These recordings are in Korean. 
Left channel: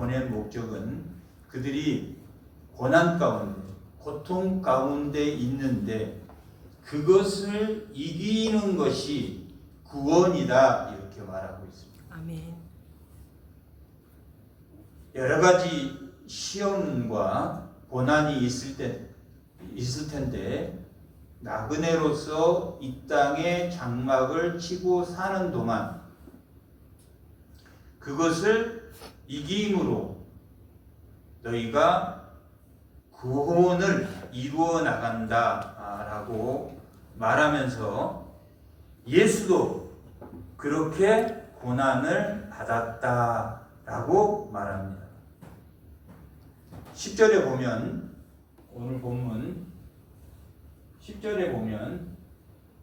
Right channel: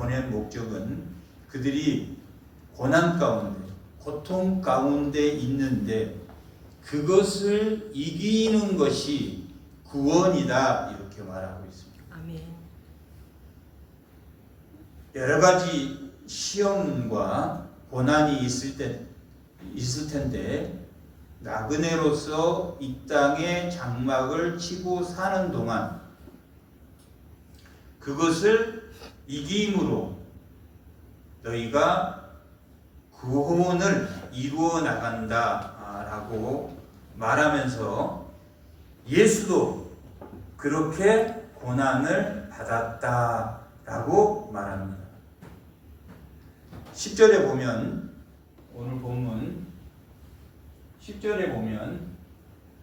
보낸 목적은 그들이 고난 가운데, 고통 가운데 있는데 그것을 이기는 것이 구원이다, 이렇게 말하고 있습니다. 아멘. 여러 가지 시험과 고난이 있을 텐데 나그네로서 이 땅에 장막을 치고 사는 동안 그것을 이김으로 너희가 구원을 이루어 나간다라고 말하면서 예수도 그렇게 고난을 받았다라고 말합니다. 10절에 보면, 오늘 본문 10절에 보면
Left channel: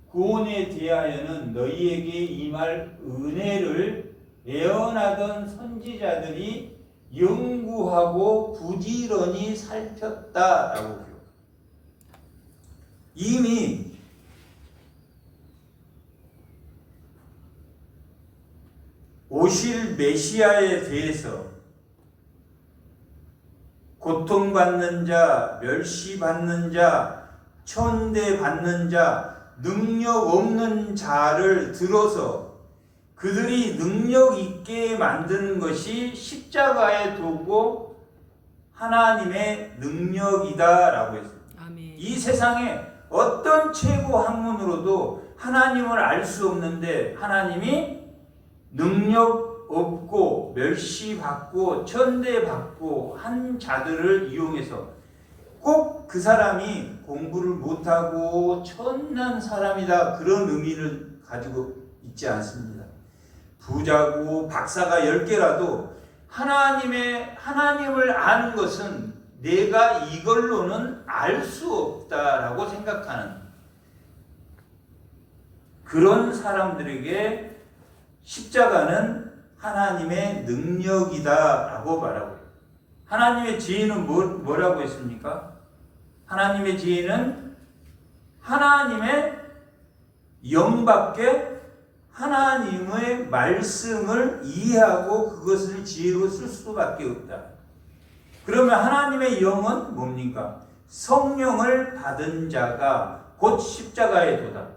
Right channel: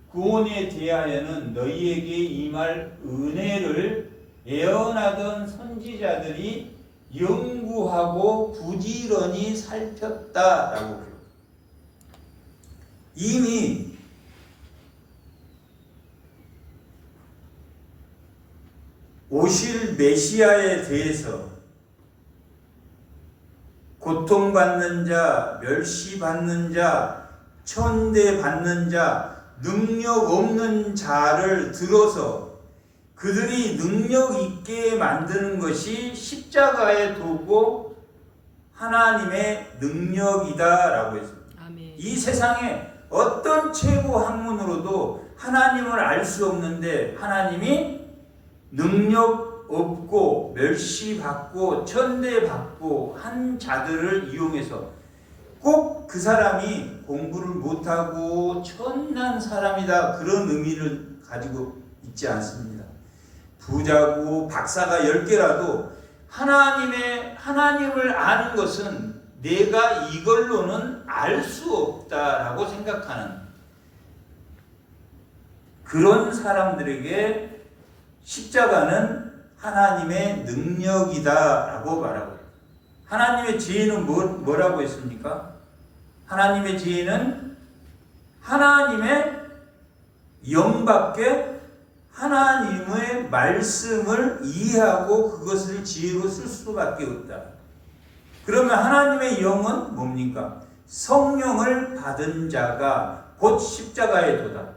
구원에 대하여는 너희에게 임할 은혜를 예언하던 선지자들이 연구하고 부지런히 살폈다라고 해요. 이미 오실 메시아에 대해서 고통받는 자, 멸시받는 자, 천대받는 자, 능력 없는 자를 들어서 그들이 능력 있게 만드는 것이 십자가에 두고 하나님의 능력이다라고 했습니다. 아멘. 이 세상에 어떤 최고 학문으로도 하나님을 알 수 없는데 하나님이 능력 없고 멸시받고 천대받고 한 자들을 이용해서 꼭 그 사람이 공부를 못하고 천난 사람이다, 그런 의미를 가지고 있지 않습니다. 부자고 박사가 10개라도 하나님을 아는 것은 내가 이걸로는 알 수 없다라고 생각하는 그런 사람들에게 십자가는 하나님의 능력이다라고 말하고 있습니다. 하나님의 지혜는 뭐라고 했습니까? 하나님의 지혜는 하나님의 영밖에 하나님의 말씀을 이해하고 그것을 지혜로 쓸 수밖에 없다. 그러면 하나님의 영은 뭡니까? 성령을 받은 자가 곧 십자가에 도다.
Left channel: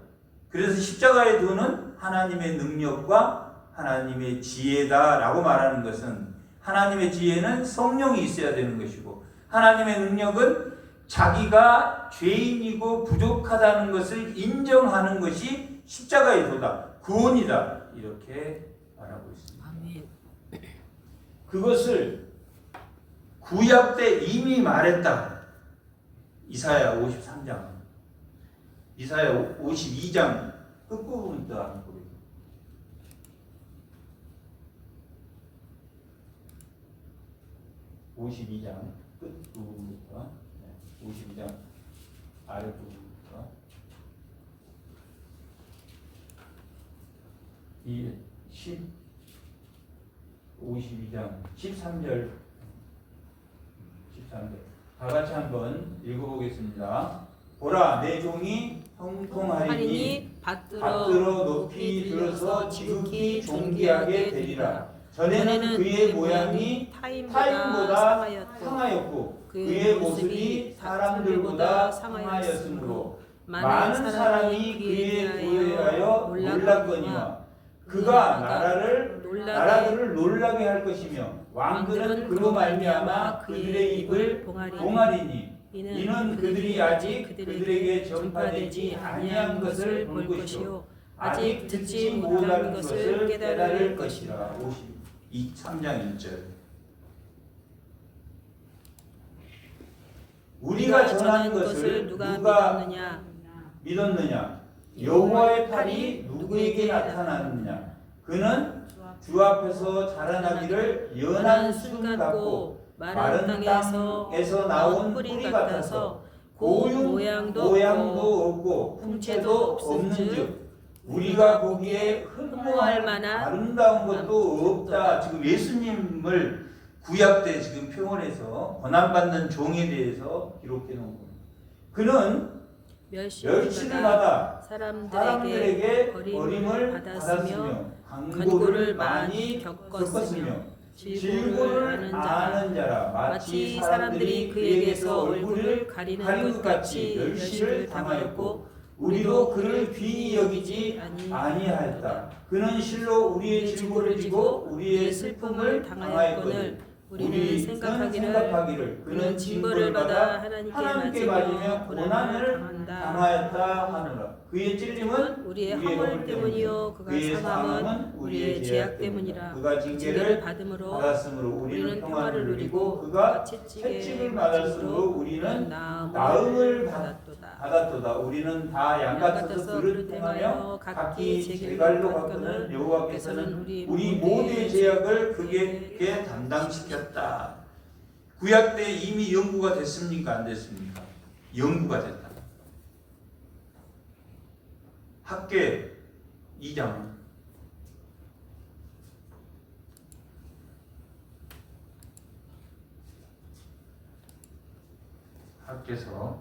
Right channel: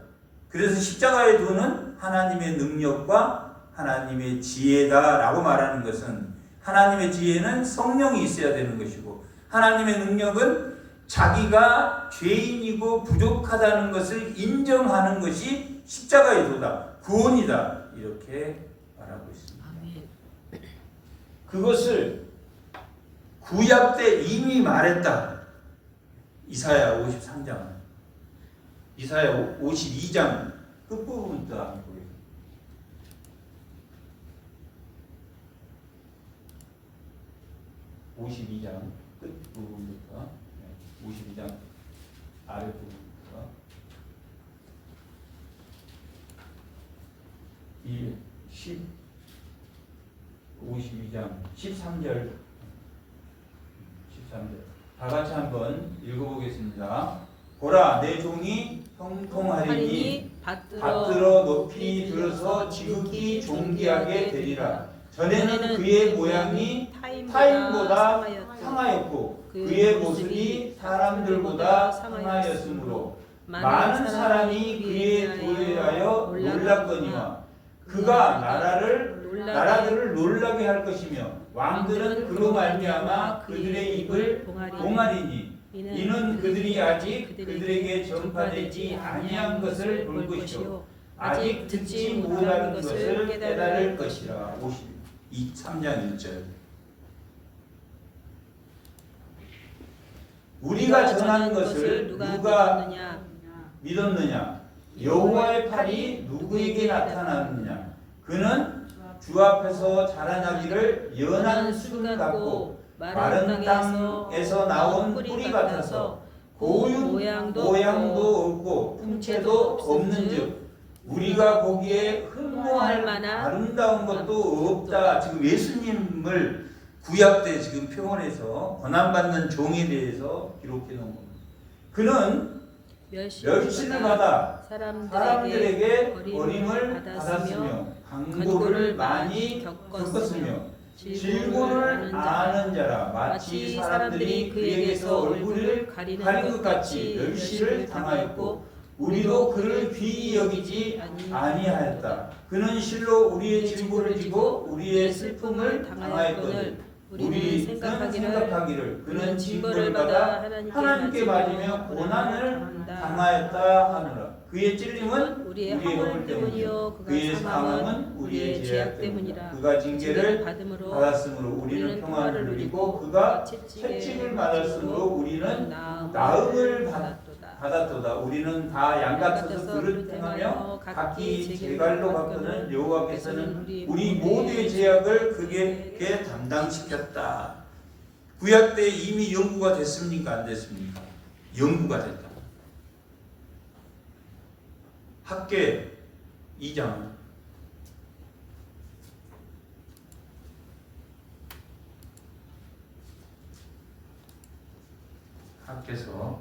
그래서 십자가에 도는 하나님의 능력과 하나님의 지혜다라고 말하는 것은 하나님의 지혜는 성령이 있어야 되는 것이고 하나님의 능력은 자기가 죄인이고 부족하다는 것을 인정하는 것이 십자가의 도다, 구원이다, 이렇게 말하고 있습니다. 아멘. 그것을 구약 때 이미 말했다. 이사야 53장, 이사야 52장 끝부분부터 한번 보겠습니다. 52장 끝부분부터, 52장 아랫부분부터 52장 13절 다 같이 한번 읽어보겠습니다. 보라, 내 종이 형통하리니 받들어 높이 들어서 지극히 존귀하게 되리라. 전에는 그의 모양이 타인보다 상하였고 그의 모습이 사람들보다 상하였으므로 많은 사람이 그에 대하여 놀랐거니와 그가 나라들을 놀라게 할 것이며 왕들은 그로 말미암아 그들의 입을 봉하리니 이는 그들이 아직 그들에게 전파되지 아니한 것을 볼 것이요 아직 듣지 못하는 것을 깨달을 것이라. 53장 1절. 우리가 전하는 것을 누가 믿었느냐? 여호와의 팔이 누구에게 나타났느냐? 그는 주 앞에서 자라나기를 연한 순 같고 마른 땅에서 나온 뿌리 같아서 고운 모양도 없고 품체도 없는즉 우리가 보기에 흠모할 만한 아름다운 것도 없다. 지금 예수님을 구약 때 지금 표현해서 고난받는 종에 대해서 기록해 놓은 겁니다. 그는 멸시를 받아 사람들에게 버림을 받았으며 강고를 많이 겪었으며 질고를 아는 자라. 마치 사람들이 그에게서 얼굴을 가린 것 같이 멸시를 당하였고 우리도 그를 귀히 여기지 아니하였다. 그는 실로 우리의 질고를 지고 우리의 슬픔을 당하였거늘 우리는 생각하기를 그는 징벌을 받아 하나님께 맞으며 고난을 당하였다 하노라. 그의 찔림은 우리의 허물 때문이요 그의 사망은 우리의 죄악 때문이라. 그가 징계를 받았으므로 우리는 평안을 누리고 그가 채찍을 받았으므로 우리는 나음을 받았도다. 우리는 다 양같아서 그릇 행하며 각기 제갈로 갔거늘 여호와께서는 우리 모두의 죄악을 그에게 담당시켰다. 구약 때 이미 연구가 됐습니까? 안 됐습니까? 연구가 됐다. 학계 2장 학계서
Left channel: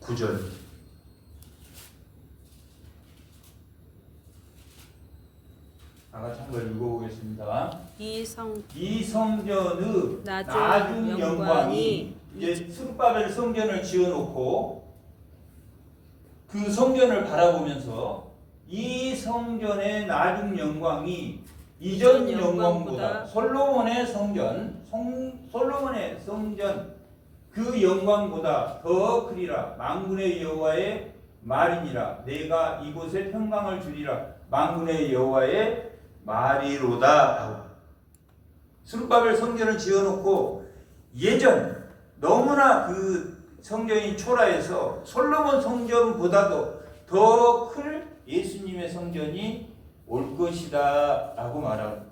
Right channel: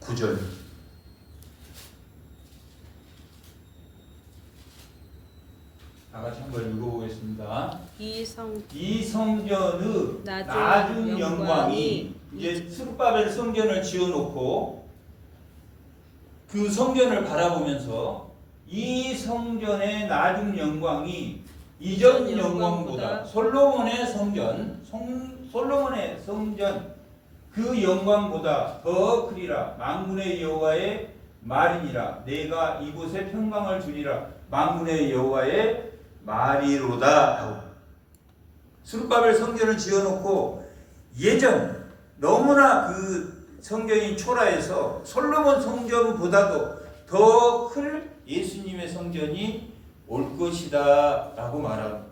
9절 다같이 한번 읽어보겠습니다. 이 성전의 나중 영광이 이제 스룹바벨 성전을 지어놓고 그 성전을 바라보면서 이 성전의 나중 영광이 이전 영광보다 솔로몬의 성전 그 영광보다 더 크리라. 만군의 여호와의 말이니라. 내가 이곳에 평강을 주리라. 만군의 여호와의 말이로다. 스룹바벨 성전을 지어놓고 예전 너무나 그 성전이 초라해서 솔로몬 성전보다도 더 클 예수님의 성전이 올 것이다 라고 말합니다.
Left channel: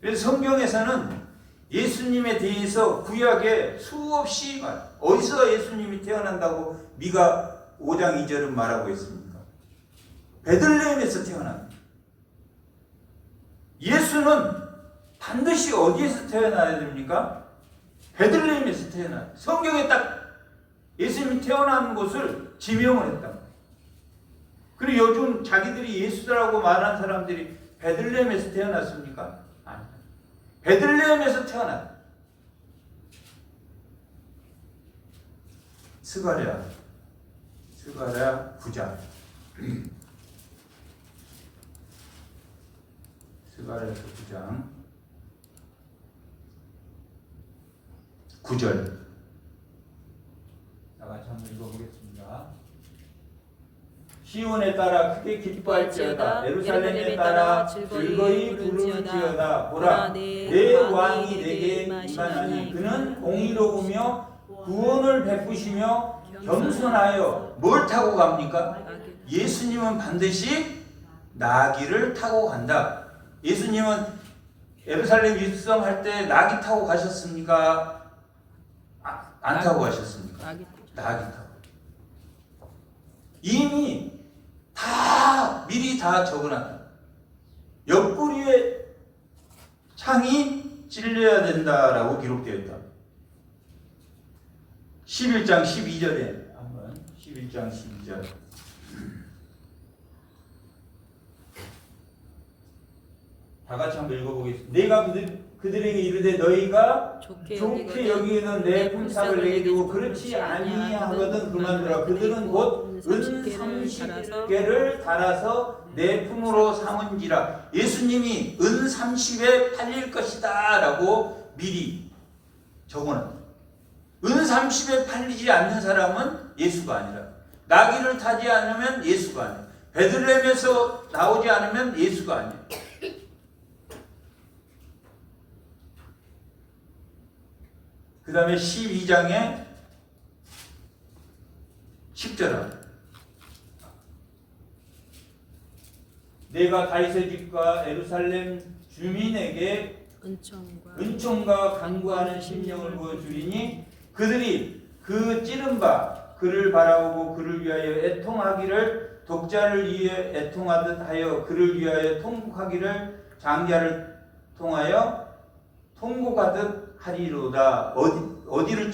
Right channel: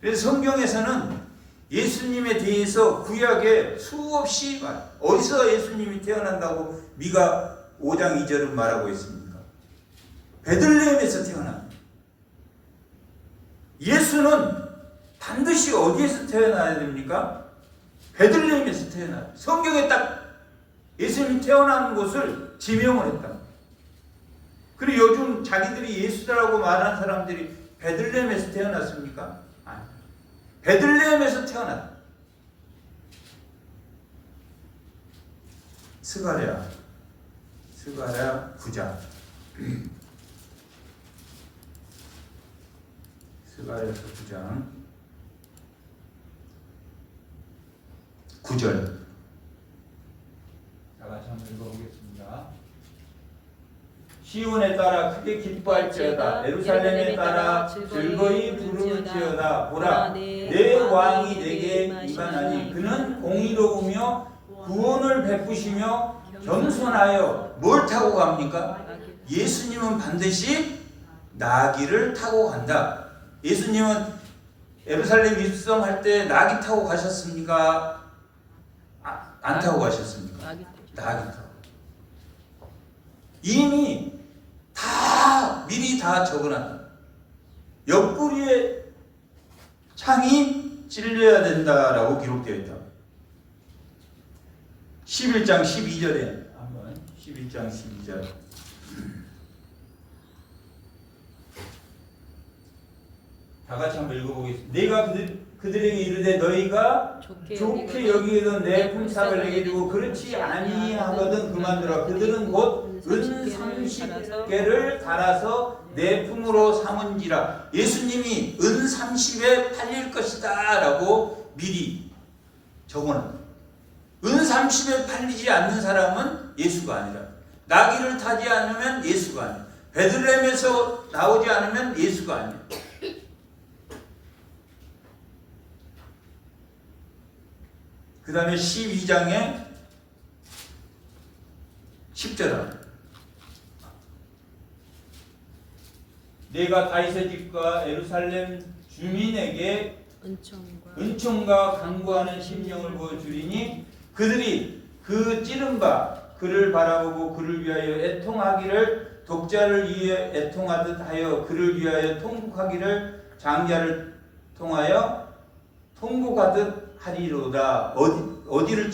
그래서 성경에서는 예수님에 대해서 구약에 수없이 어디서 예수님이 태어난다고 미가 5장 2절은 말하고 있습니다. 베들레헴에서 태어납니다. 예수는 반드시 어디에서 태어나야 됩니까? 베들레헴에서 태어나. 성경에 딱 예수님이 태어나는 곳을 지명을 했다. 그리고 요즘 자기들이 예수라고 말하는 사람들이 베들레헴에서 태어났습니까? 아니. 베들레헴에서 태어났다. 스가랴 9장 스가랴서 9장 9절 다같이 한번 읽어보겠습니다. 시온에 따라 크게 기뻐할지어다. 예루살렘에 따라 즐거이 부르짖어다. 보라, 내 왕이 내게 임하나니 그는 공의로우며 구원을 베푸시며 겸손하여 뭘 타고 갑니까? 예수님은 반드시 나귀를 타고 간다. 예수님은 예루살렘 입성할 때 나귀 타고 가셨습니까? 안 타고 가셨습니까? 나귀 타고. 이미 미리 다 적어놨다. 옆구리에 창이 찔려야 된다라고 기록되어 있다. 11장 12절에 한번 11장 12절 다 같이 한번 읽어보겠습니다. 내가 그들에게 이르되 너희가 좋게 여기는 내 품삯을 내게 주고 그렇지 아니하거든 그만두라. 그들은 곧 은 30개를 달아서 내 품으로 삼은지라. 예수님이 은 30에 팔릴 것이다 라고 미리 적어놨다. 은 30에 팔리지 않는 사람은 예수가 아니라, 나귀를 타지 않으면 예수가 아니라, 베들레헴에서 나오지 않으면 예수가 아니라. 그 다음에 12장에 10절 내가 다윗의 집과 예루살렘 주민에게 은총과 강구하는 심령을 보여주리니 그들이 그 찌른바 그를 바라보고 그를 위하여 애통하기를 독자를 위해 애통하듯 하여 그를 위하여 통곡하기를 장자를 통하여 통곡하듯 하리로다. 어디를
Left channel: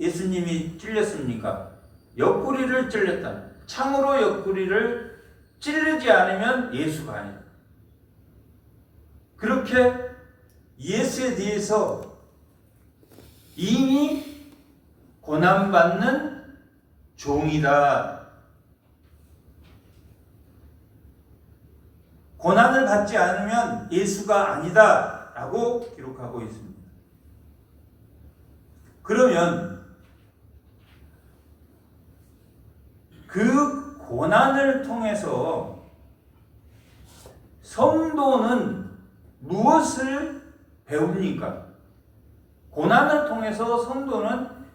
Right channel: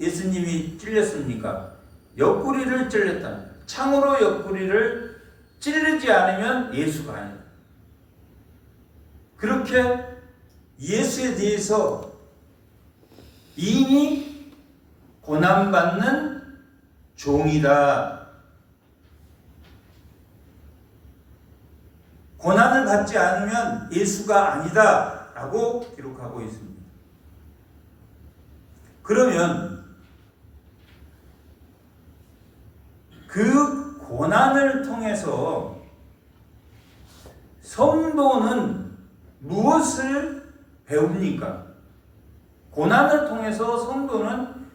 예수님이 찔렸습니까? 옆구리를 찔렸다. 창으로 옆구리를 찌르지 않으면 예수가 아니다. 그렇게 예수에 대해서 이미 고난받는 종이다. 고난을 받지 않으면 예수가 아니다 라고 기록하고 있습니다. 그러면 그 고난을 통해서 성도는 무엇을 배웁니까? 고난을 통해서 성도는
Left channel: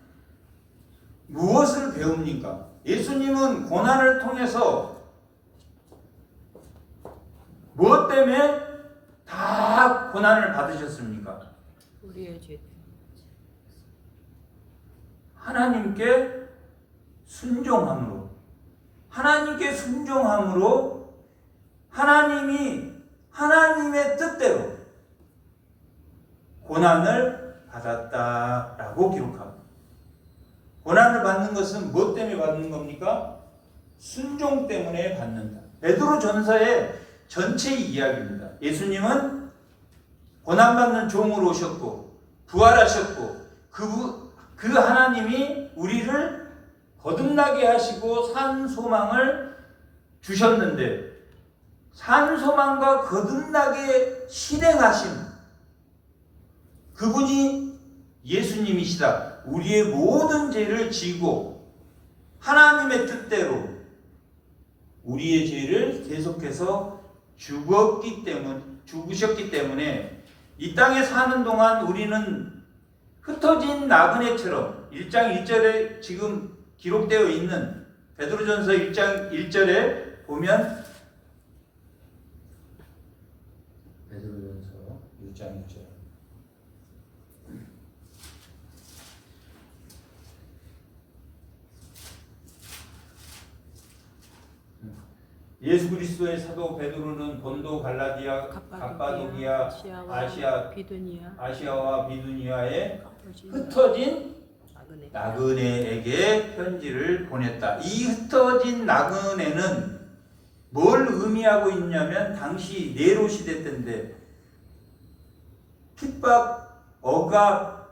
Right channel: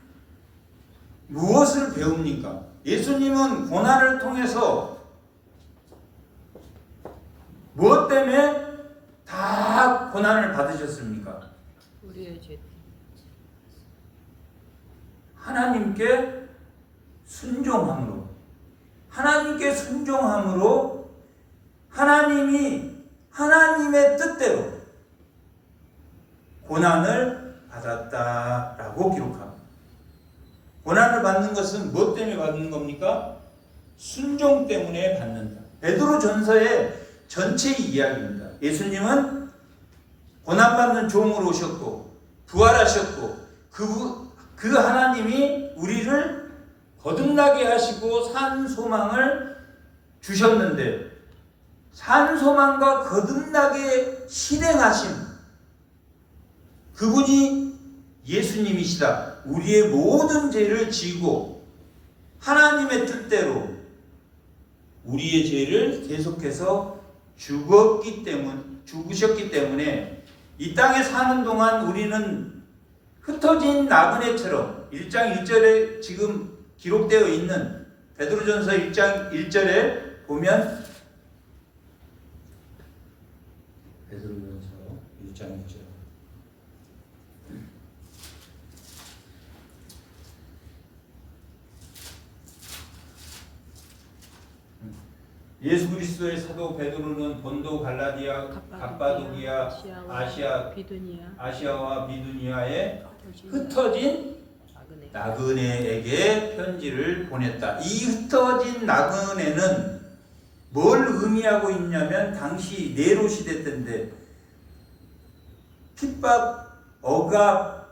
무엇을 배웁니까? 예수님은 고난을 통해서 무엇 때문에 다 고난을 받으셨습니까? 우리의 죄. 하나님께 순종함으로. 하나님께 순종함으로 하나님이 하나님의 뜻대로 고난을 받았다라고 기록합니다. 고난을 받는 것은 무엇 때문에 받는 겁니까? 순종 때문에 받는다. 베드로 전서의 전체 이야기입니다. 예수님은 고난받는 종으로 오셨고 부활하셨고 그 하나님이 우리를 거듭나게 하시고 산 소망을 주셨는데 산 소망과 거듭나게 실행하신 그분이 예수님이시다. 우리의 모든 죄를 지고 하나님의 뜻대로 우리의 죄를 계속해서 죽으셨기 때문에 이 땅에 사는 동안 우리는 흩어진 나그네처럼 1장 1절에 지금 기록되어 있는 베드로전서 1장 1절에 보면 베드로전서 1장 1절 예수 그리스도의 사도 베드로는 본도 갈라디아 갑바도기아 아시아와 비두니아에 흩어진 나그네에게 편지를 보냈다. 이 흩어진 나그네는 뭘 의미하고 있냐면 당시 네로 시대 때인데 핍박, 억압,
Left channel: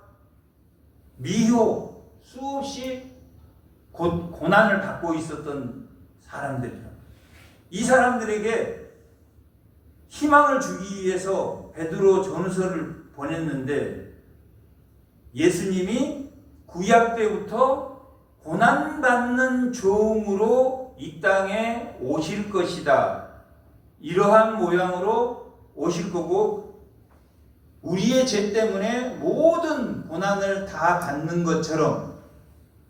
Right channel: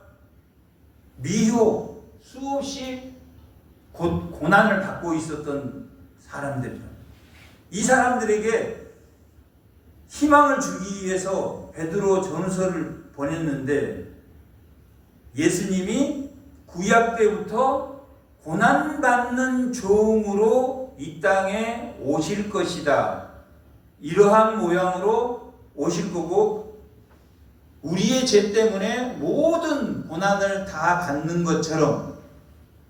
미효 수없이 고난을 받고 있었던 사람들이다. 이 사람들에게 희망을 주기 위해서 베드로 전서를 보냈는데 예수님이 구약 때부터 고난받는 종으로 이 땅에 오실 것이다. 이러한 모양으로 오실 거고 우리의 죄 때문에 모든 고난을 다 받는 것처럼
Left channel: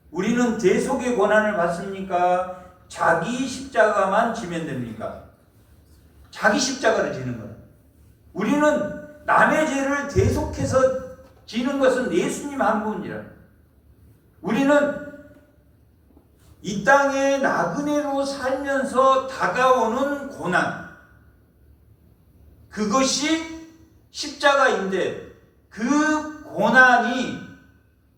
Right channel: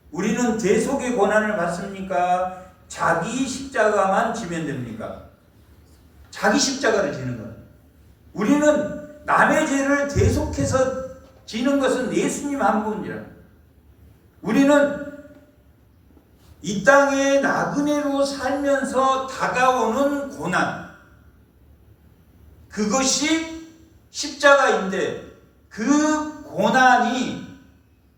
우리는 대속의 고난을 받습니까? 자기 십자가만 지면 됩니까? 자기 십자가를 지는 거예요. 우리는 남의 죄를 대속해서 지는 것은 예수님 한 분이라. 우리는 이 땅에 나그네로 살면서 다가오는 고난, 그것이 십자가인데 그 고난이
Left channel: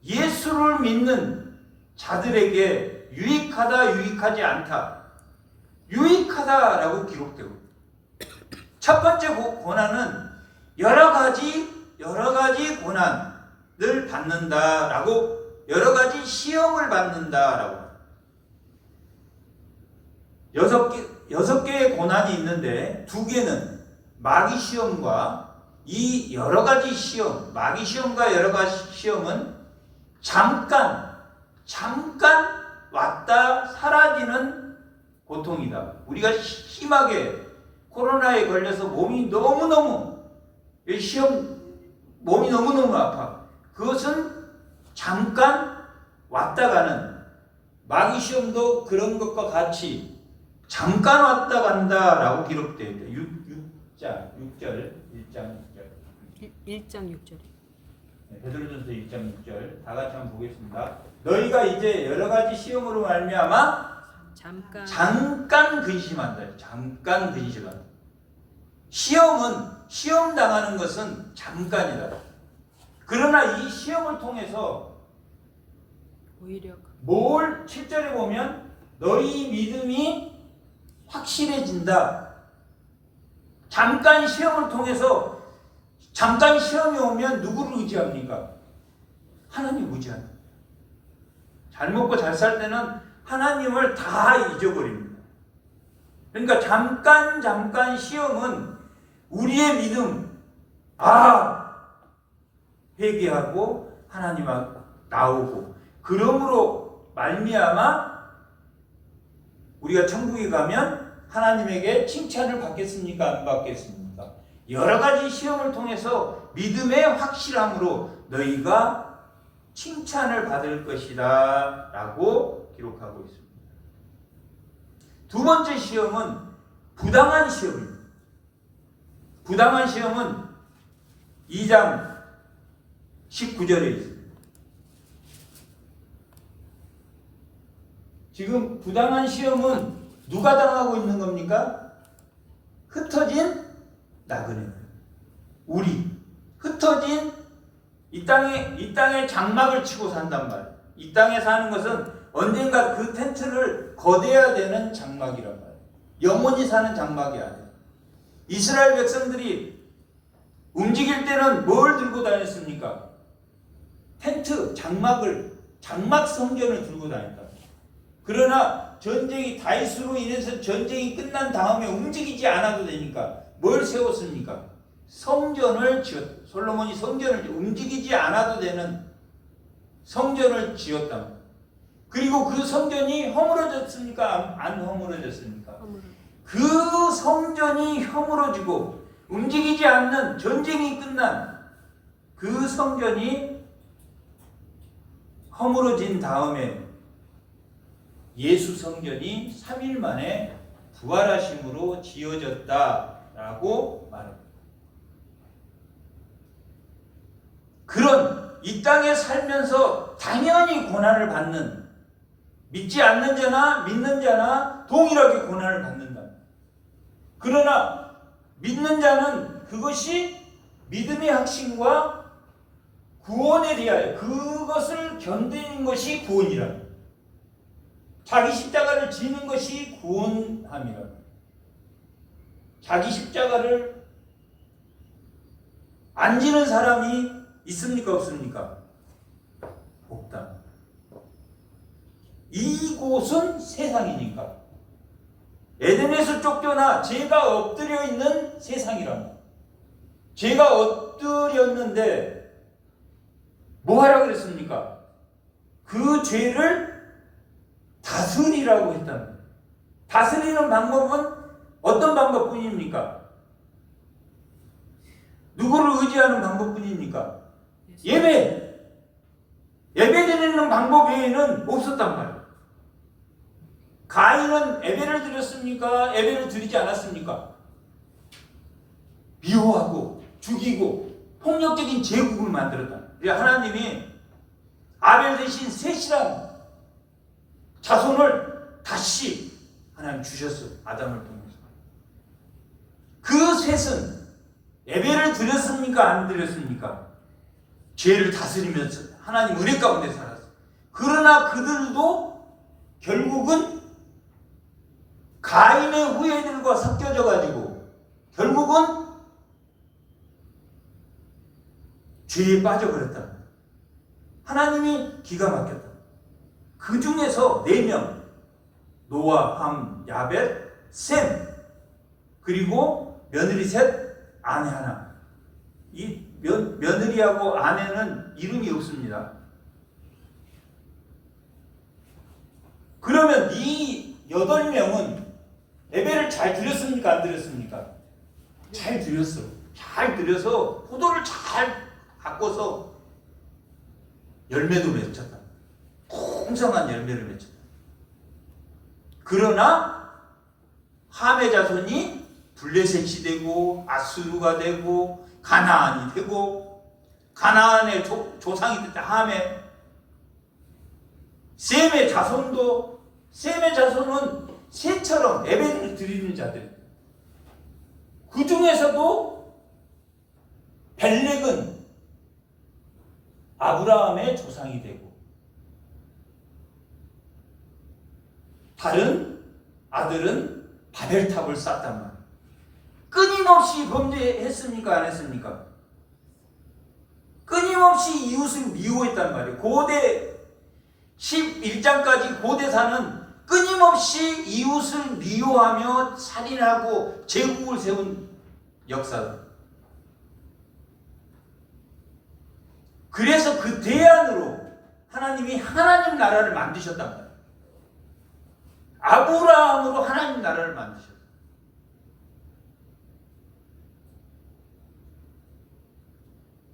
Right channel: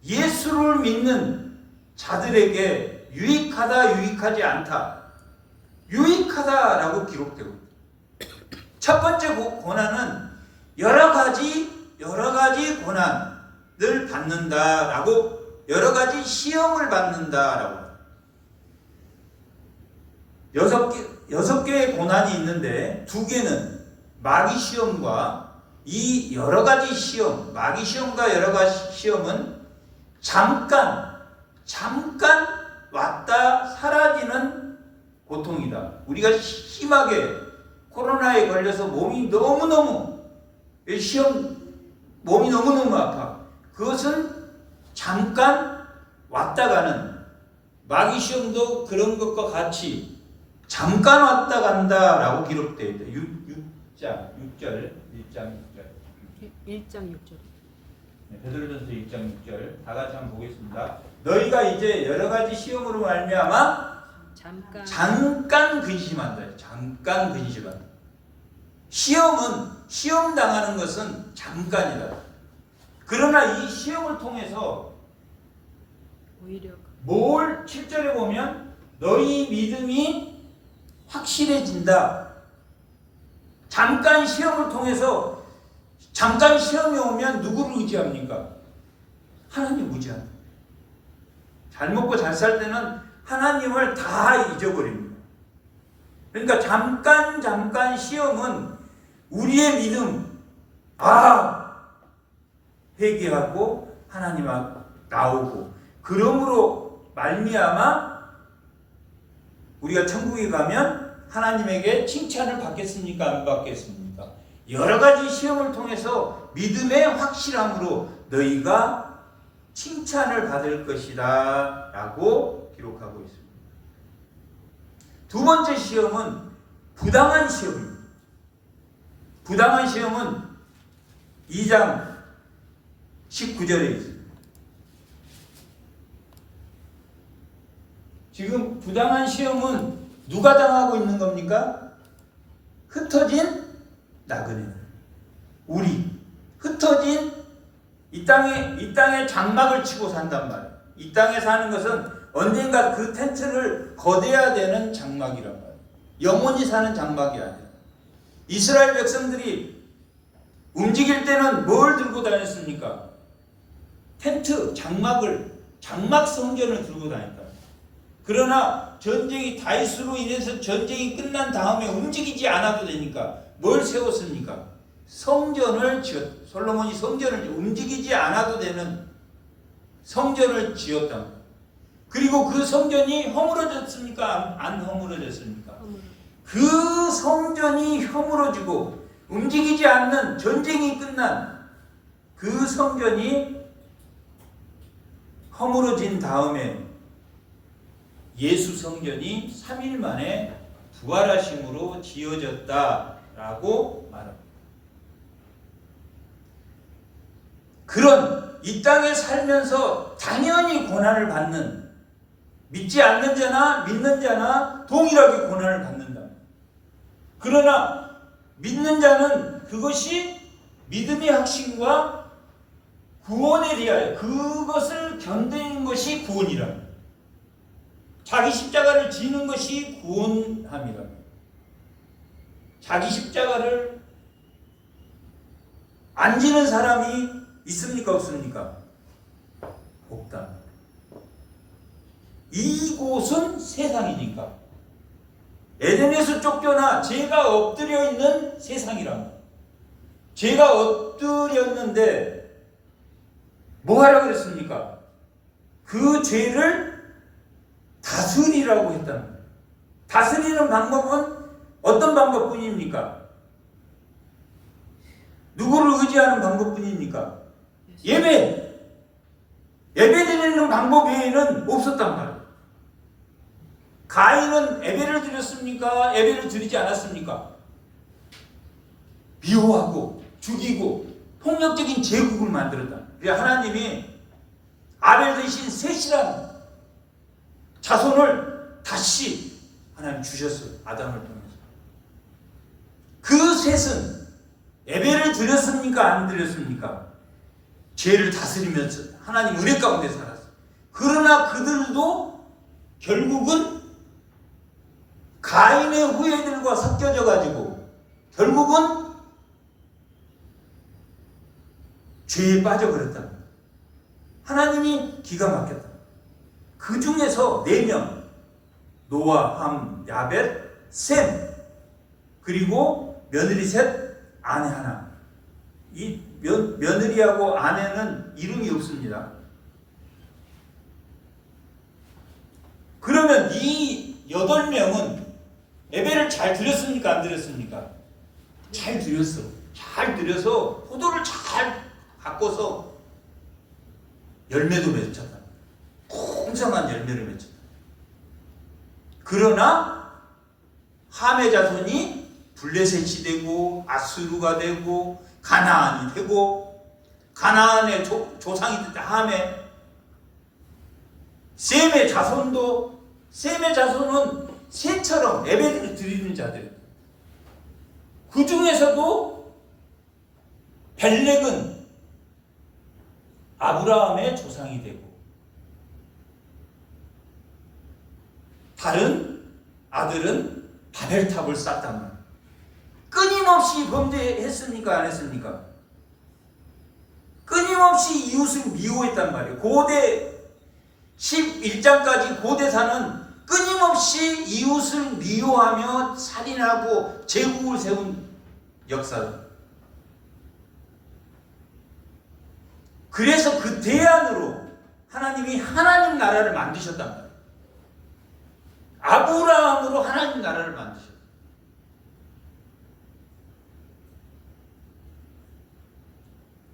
예수를 믿는 자들에게 유익하다, 유익하지 않다. 유익하다라고 기록되고 첫 번째 고난은 여러 가지 고난을 받는다라고 여러 가지 시험을 받는다라고 여섯 개의 고난이 있는데 두 개는 마귀 시험과 이 여러 가지 시험, 마귀 시험과 여러 가지 시험은 잠깐 왔다 사라지는 고통이다. 우리가 심하게 코로나에 걸려서 몸이 너무너무 아파. 그것은 잠깐 왔다 가는 마귀 시험도 그런 것과 같이 잠깐 왔다 간다라고 기록되어 있다. 1장 6절. 베드로전서 1장 6절 다 같이 한번 보겠습니다. 너희가 이제 여러 가지 시험으로 말미암아 잠깐 근심한다. 잠깐 근심한다. 시험 당하는 것은 잠깐이다. 그러나 이 시험을 통해서 오히려 7절에 보면 너희 믿음이 확실해진다. 잠깐 시험을 통해서 잠깐 시험이 오면 누구를 의지합니까? 하나님 의지한다. 잘 먹고 잘 살 때는 하나님을 다 잊어버립니다. 그러니까 잠깐 시험은 우리의 믿음, 회개하고 하나님 앞 나오고, 그러므로 말미암아 우리가 천국에 가면 하나님에게 칭찬을 받겠습니까? 안 받겠습니까? 여러 가지 시험을 통해서 믿음의 확실함으로 너희가 칭찬을 받을 것이다 라고 기록하고 있습니다. 두 번째 시험은 부당한 시험입니다. 부당한 시험은 2장 19절에 있습니다. 지금 부당한 시험은 누가 당하고 있는 겁니까? 흩어진 나그네들. 우리 흩어진 이 땅에 장막을 치고 산단 말이에요. 이 땅에 사는 것은 언젠가 그 텐트를 거둬야 되는 장막이란 말이에요. 영원히 사는 장막이 아니에요. 이스라엘 백성들이 움직일 때는 뭘 들고 다녔습니까? 텐트, 장막 성전을 들고 다녔다. 그러나 전쟁이 다윗으로 인해서 전쟁이 끝난 다음에 움직이지 않아도 되니까 뭘 세웠습니까? 성전을 지었다. 솔로몬이 성전을 움직이지 않아도 되는 성전을 지었다. 그리고 그 성전이 허물어졌습니까? 안 허물어졌습니까? 그 성전이 허물어지고 움직이지 않는 전쟁이 끝난 그 성전이 허물어진 다음에 예수 성전이 3일 만에 부활하심으로 지어졌다라고 말합니다. 그런 이 땅에 살면서 당연히 고난을 받는, 믿지 않는 자나 믿는 자나 동일하게 고난을 받는다. 그러나 믿는 자는 그것이 믿음의 확신과 구원에 대하여 그것을 견디는 것이 구원이라. 자기 십자가를 지는 것이 구원함이라. 자기 십자가를 안 지는 사람이 있습니까? 없습니까? 없다. 이곳은 세상이니까. 에덴에서 쫓겨나 죄가 엎드려 있는 세상이랍니다. 죄가 엎드렸는데 뭐 하라고 그랬습니까? 그 죄를 다스리라고 했답니다. 다스리는 방법은 어떤 방법뿐입니까? 누구를 의지하는 방법뿐입니까? 예배 드리는 방법 외에는 없었단 말이에요. 가인은 예배를 드렸습니까? 예배를 드리지 않았습니까? 미워하고 죽이고 폭력적인 제국을 만들었다. 하나님이 아벨 대신 셋이란 자손을 다시 하나님 주셨어요. 아담을 통해서. 그 셋은 예배를 드렸습니까? 안 드렸습니까? 죄를 다스리면서 하나님 은혜 가운데 살았어요. 그러나 그들도 결국은 가인의 후예들과 섞여져 가지고 결국은 죄에 빠져버렸다. 하나님이 기가 막혔다. 그 중에서 4명, 노아, 함, 야벳, 셈, 그리고 며느리 셋, 아내 하나. 이 며느리하고 아내는 이름이 없습니다. 그러면 이 8명은 예배를 잘 드렸습니까? 안 드렸습니까? 잘 드렸어. 잘 드려서 포도를 잘 바꿔서 열매도 맺혔다. 풍성한 열매를 맺혔다. 그러나 함의 자손이 블레셋이 되고 아수르가 되고 가나안이 되고 가나안의 조상이 됐다. 함의 셈의 자손은 셈처럼 예배를 드리는 자들. 그 중에서도 벨렉은 아브라함의 조상이 되고 다른 아들은 바벨탑을 쌓단 말이에요. 끊임없이 범죄했습니까? 안 했습니까? 끊임없이 이웃을 미워했단 말이에요. 고대 11장까지 고대사는 끊임없이 이웃을 미워하며 살인하고 제국을 세운 역사다. 그래서 그 대안으로 하나님이 하나님 나라를 만드셨단 말이에요. 아브라함으로 하나님 나라를 만드셨어요.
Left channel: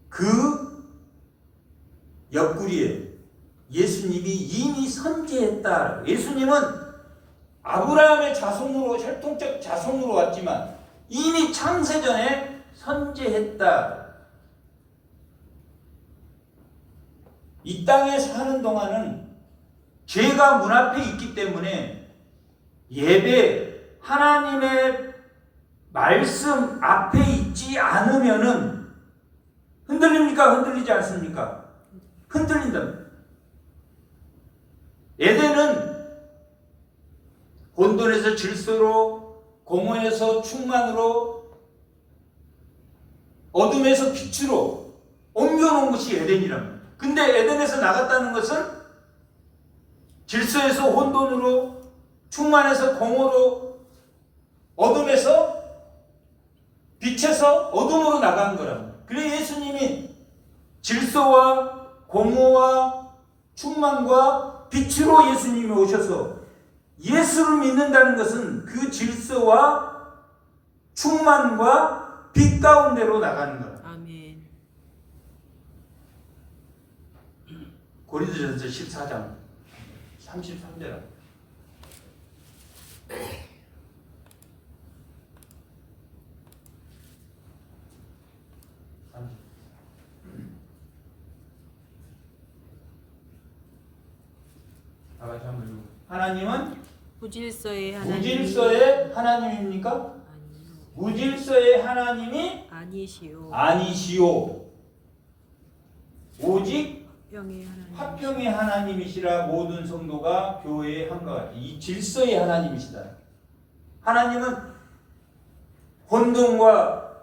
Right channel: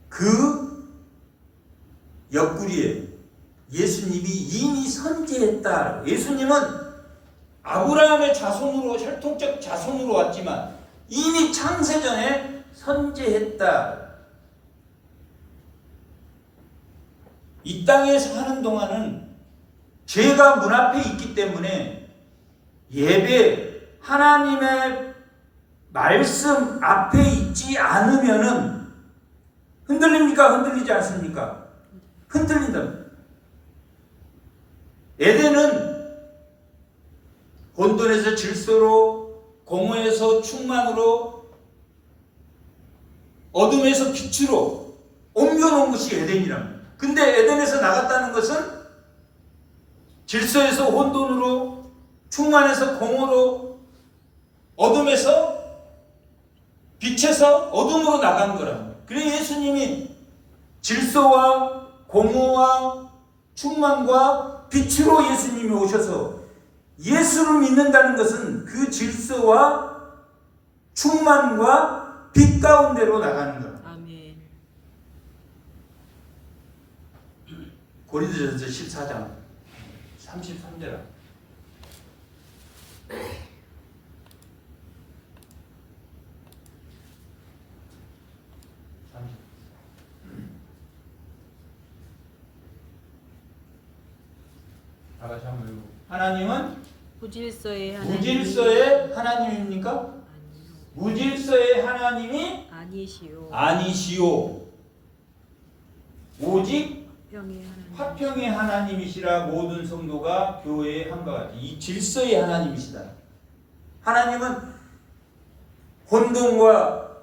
그 옆구리에 예수님이 이미 선지했다. 예수님은 아브라함의 자손으로, 혈통적 자손으로 왔지만 이미 창세전에 선지했다. 이 땅에 사는 동안은 죄가 문 앞에 있기 때문에 예배, 하나님의 말씀 앞에 있지 않으면은 흔들립니까? 흔들리지 않습니까? 흔들린다. 에덴은 혼돈에서 질서로, 공허에서 충만으로, 어둠에서 빛으로 옮겨놓은 것이 에덴이란 말이에요. 근데 에덴에서 나갔다는 것은 질서에서 혼돈으로, 충만에서 공허로, 어둠에서 빛에서 어둠으로 나간 거랍니다. 그래서 예수님이 질서와 공허와 충만과 빛으로 예수님이 오셔서 예수를 믿는다는 것은 그 질서와 충만과 빛 가운데로 나가는 거예요. 아멘. 고린도전서 14장 33절. 다시 한번 읽어. 하나님은 무질서의 하나님입니까? 무질서의 하나님이 아니시오. 오직 화평의 하나님이시라 모든 성도가 교회에 한것 같이. 이 질서의 하나님이시다. 하나님은 혼돈과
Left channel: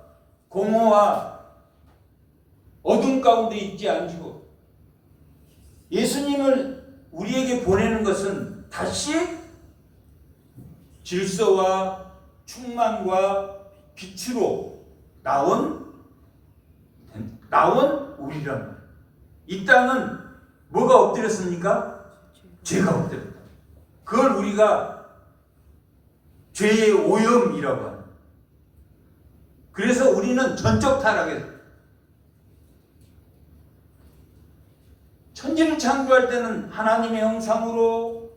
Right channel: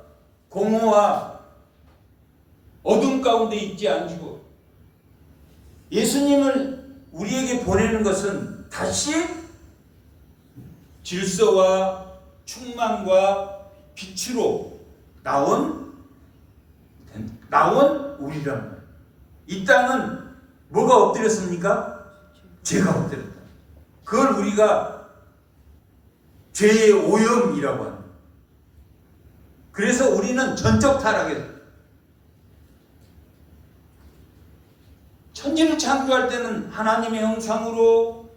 공허와 어둠 가운데 있지 않으시고 예수님을 우리에게 보내는 것은 다시 질서와 충만과 빛으로 나온 우리란 말이에요. 이 땅은 뭐가 엎드렸습니까? 죄가 엎드렸다. 그걸 우리가 죄의 오염이라고 합니다. 그래서 우리는 전적 타락했어요. 천지를 창조할 때는 하나님의 형상으로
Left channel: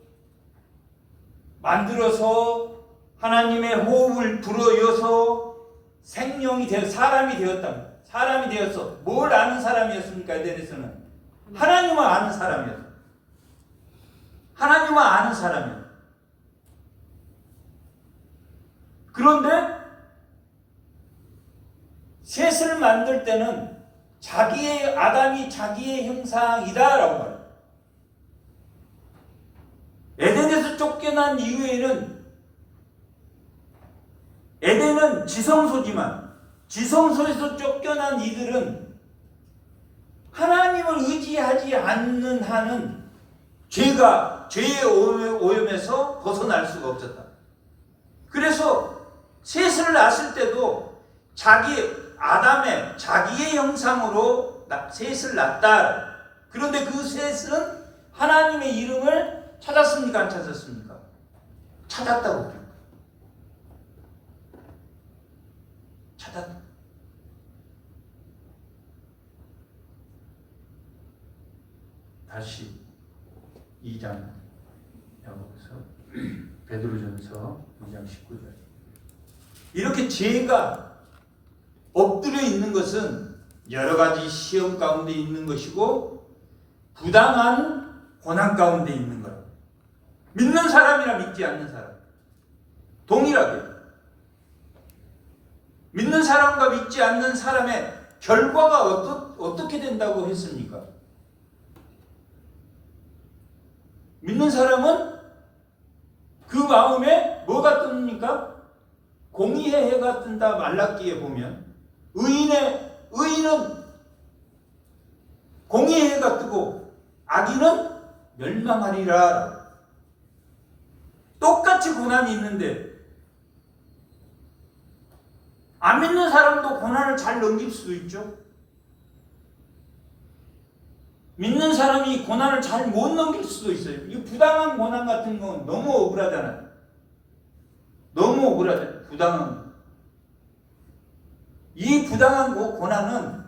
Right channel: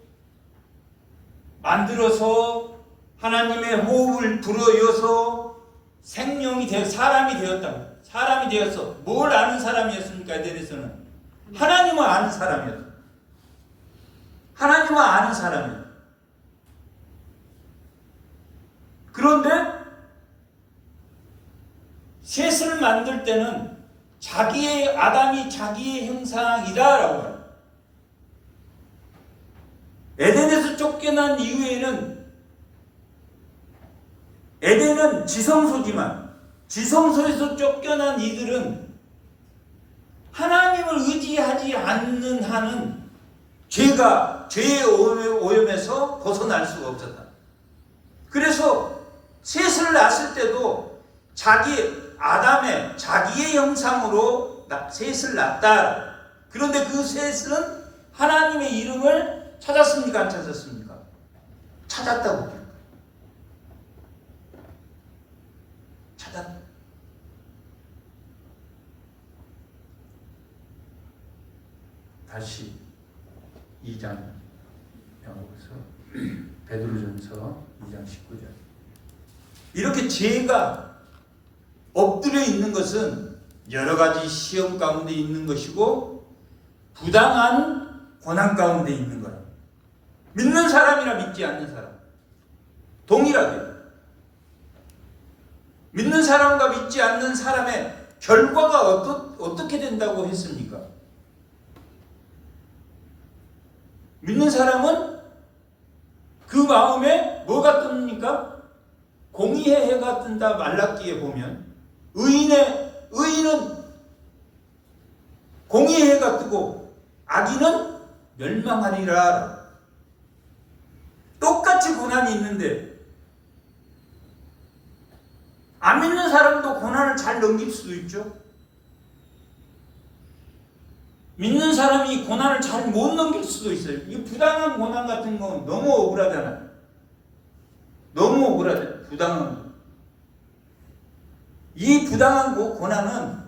만들어서 하나님의 호흡을 불어여서 생명이 되어 사람이 되었다. 사람이 되었어. 뭘 아는 사람이었습니까? 에덴에서는 하나님을 아는 사람이었어. 하나님을 아는 사람이었어. 그런데 셋을 만들 때는 아담이 자기의 형상이다라고 해요. 에덴에서 쫓겨난 이후에는 에덴은 지성소지만 지성소에서 쫓겨난 이들은 하나님을 의지하지 않는 한은 죄의 오염에서 벗어날 수가 없었다. 그래서 셋을 낳았을 때도 아담의 자기의 형상으로 셋을 낳았다. 그런데 그 셋은 하나님의 이름을 찾았습니까? 안 찾았습니까? 찾았다고 해요. 찾았다. 다시 2장 배워서 베드로전서 2장 19절. 이렇게 죄가 엎드려 있는 것은 여러 가지 시험 가운데 있는 것이고 부당한 고난 가운데 있는 거라. 믿는 사람이나 믿지 않는 사람 동일하게 믿는 사람과 믿지 않는 사람의 결과가 어떻게 된다고 했습니까? 믿는 사람은 그 마음에 뭐가 뜹니까? 공의의 해가 뜬다. 말라기에 보면 의인은 공의의 해가 뜨고 악인은 멸망하리라. 똑같이 고난이 있는데 안 믿는 사람도 고난을 잘 넘길 수도 있죠. 믿는 사람이 고난을 잘 못 넘길 수도 있어요. 이 부당한 고난 같은 건 너무 억울하잖아요. 너무 억울하잖아요. 부당한 거. 이 부당한 고난은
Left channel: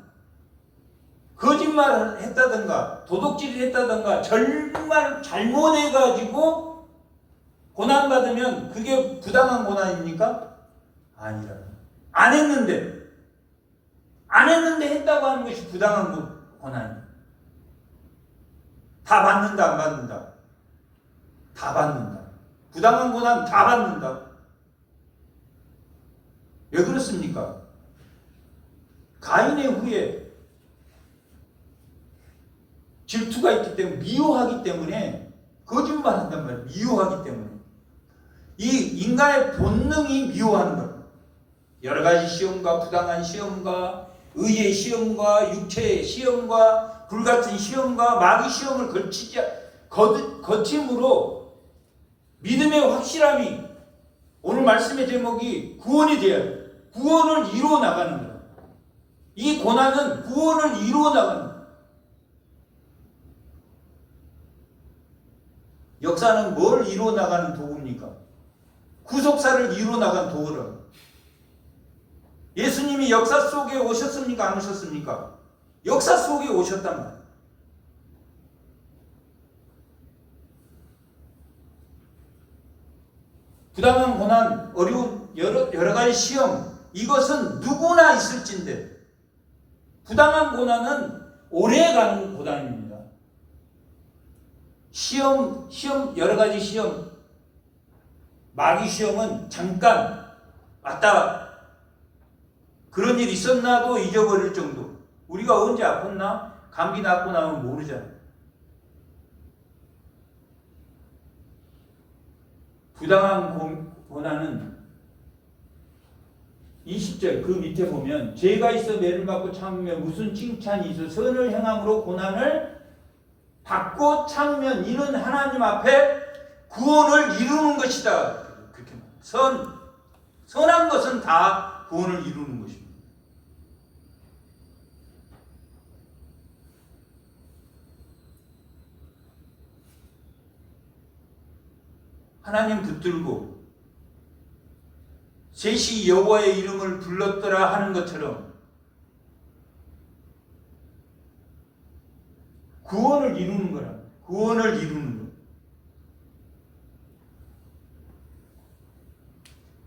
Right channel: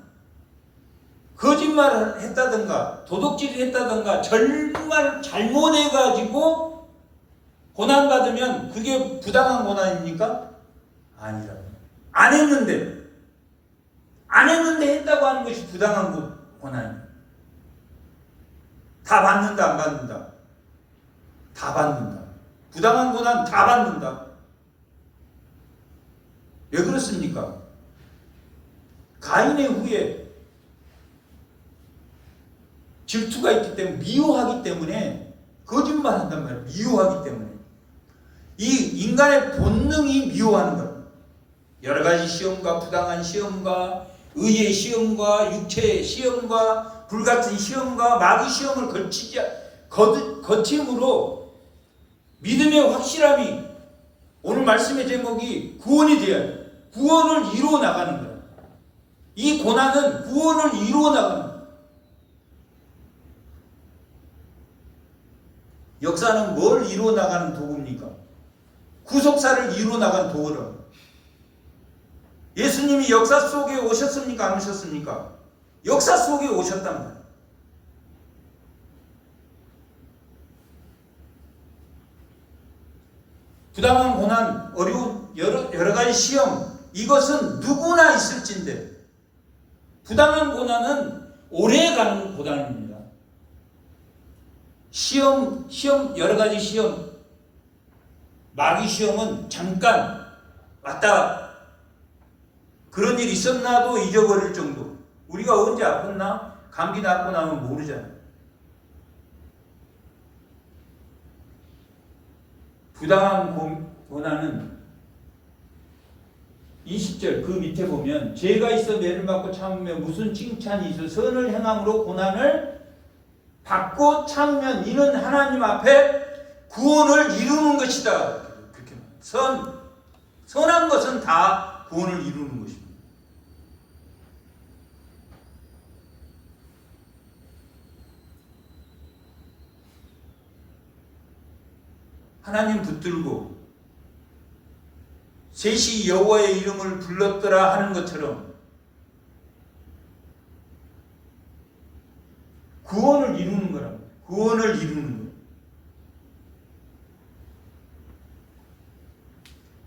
거짓말을 했다든가 도둑질을 했다든가 정말 잘못해가지고 고난받으면 그게 부당한 고난입니까? 아니라. 안 했는데 했다고 하는 것이 부당한 고난입니다. 다 받는다 안 받는다? 다 받는다. 부당한 고난 다 받는다. 왜 그렇습니까? 가인의 후에 질투가 있기 때문에, 미워하기 때문에 거짓말한단 말이에요. 미워하기 때문에. 이 인간의 본능이 미워하는 거예요. 여러 가지 시험과 부당한 시험과 의의 시험과 육체의 시험과 불같은 시험과 마귀 시험을 거침으로 믿음의 확실함이, 오늘 말씀의 제목이 구원이 되어야 돼요. 구원을 이루어 나가는 거예요. 이 고난은 구원을 이루어 나가는 거예요. 역사는 뭘 이루어 나가는 도구입니까? 구속사를 이루어 나간 도구를. 예수님이 역사 속에 오셨습니까? 안 오셨습니까? 역사 속에 오셨단 말이에요. 부당한 고난, 어려운 여러 가지 시험, 이것은 누구나 있을진데, 부당한 고난은 오래 가는 고난입니다. 시험, 여러 가지 시험, 마귀 시험은 잠깐 왔다 그런 일 있었나도 잊어버릴 정도. 우리가 언제 아팠나? 감기 낫고 나면 모르잖아요. 부당한 고난은 20절 그 밑에 보면 죄가 있어 매를 맞고 참으면 무슨 칭찬이 있어 선을 행함으로 고난을 받고 참으면 이는 하나님 앞에 구원을 이루는 것이다. 그렇게 선한 것은 다 구원을 이루는 것입니다. 하나님 붙들고 셋이 여호와의 이름을 불렀더라 하는 것처럼 구원을 이루는 거라. 구원을 이루는 거.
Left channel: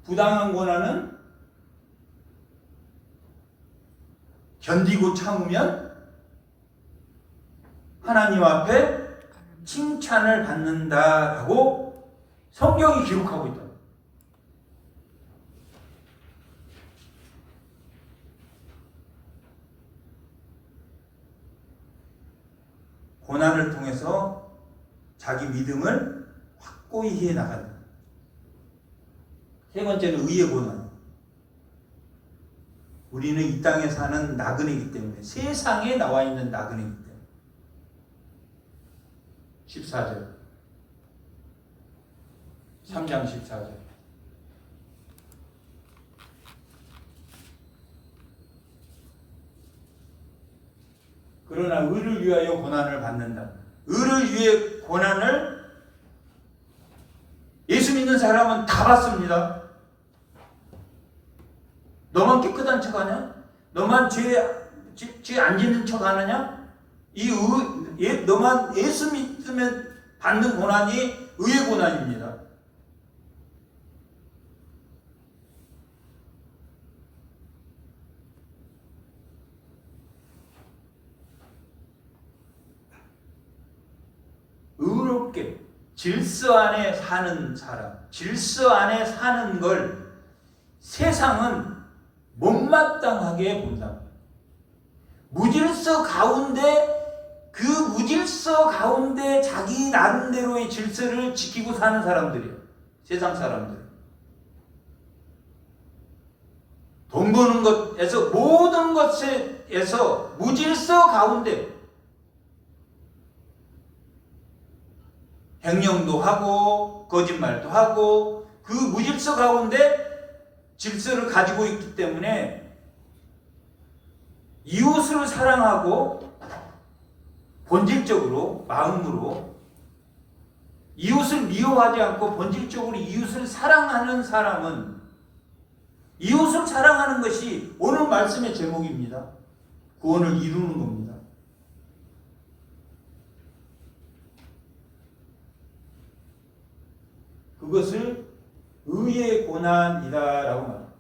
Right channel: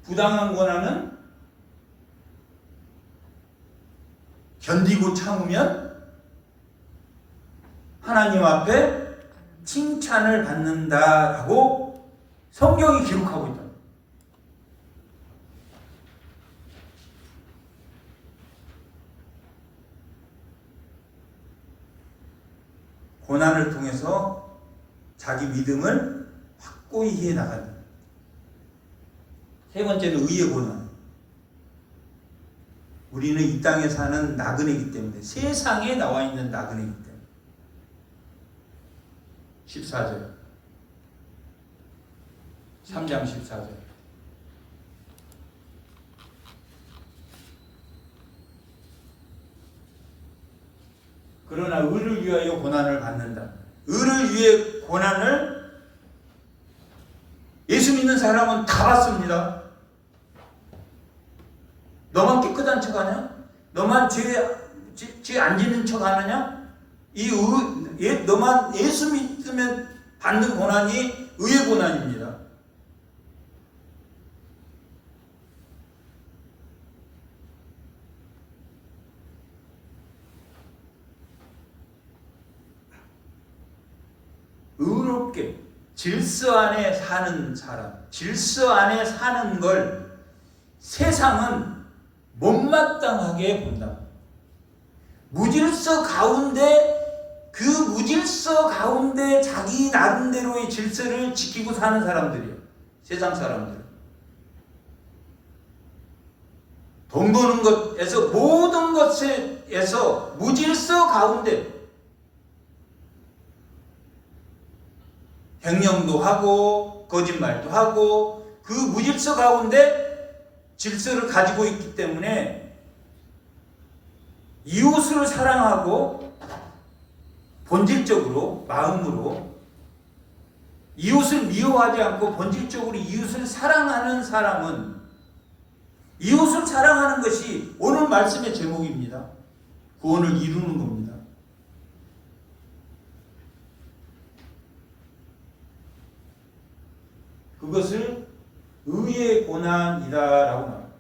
부당한 고난은 견디고 참으면 하나님 앞에 칭찬을 받는다라고 성경이 기록하고 있다. 고난을 통해서 자기 믿음을 확고히 해 나간다. 세 번째는 의의 고난. 우리는 이 땅에 사는 나그네이기 때문에, 세상에 나와 있는 나그네이기 때문에. 14절. 3장 14절. 그러나 의를 위하여 고난을 받는다. 의를 위해 고난을 예수 믿는 사람은 다 받습니다. 너만 깨끗한 척하냐? 너만 죄 안 짓는 척하느냐? 너만 예수 믿으면 받는 고난이 의의 고난입니다. 의롭게 질서 안에 사는 사람, 질서 안에 사는 걸 세상은 못마땅하게 본다. 무질서 가운데, 그 무질서 가운데 자기 나름대로의 질서를 지키고 사는 사람들이에요. 세상 사람들. 돈 버는 것에서 모든 것에서 무질서 가운데 횡령도 하고 거짓말도 하고 그 무질서 가운데 질서를 가지고 있기 때문에 이웃을 사랑하고 본질적으로 마음으로 이웃을 미워하지 않고 본질적으로 이웃을 사랑하는 사람은 이웃을 사랑하는 것이 오늘 말씀의 제목입니다. 구원을 이루는 겁니다. 그것을 의의 고난이다라고 말합니다.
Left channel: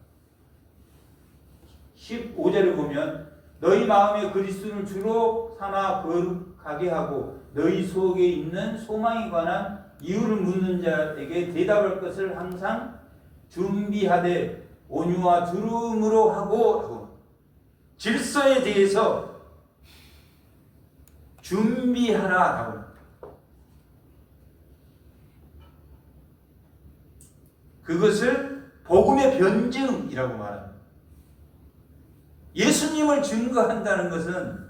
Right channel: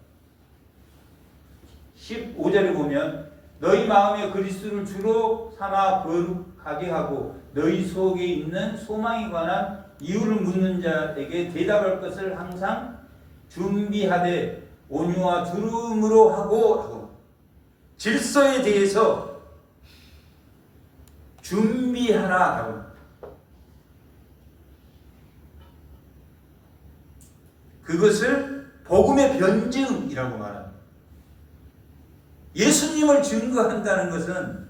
15절에 보면 너희 마음에 그리스도를 주로 삼아 거룩하게 하고 너희 속에 있는 소망에 관한 이유를 묻는 자에게 대답할 것을 항상 준비하되 온유와 두려움으로 하고 질서에 대해서 준비하라. 그것을 복음의 변증이라고 말합니다. 예수님을 증거한다는 것은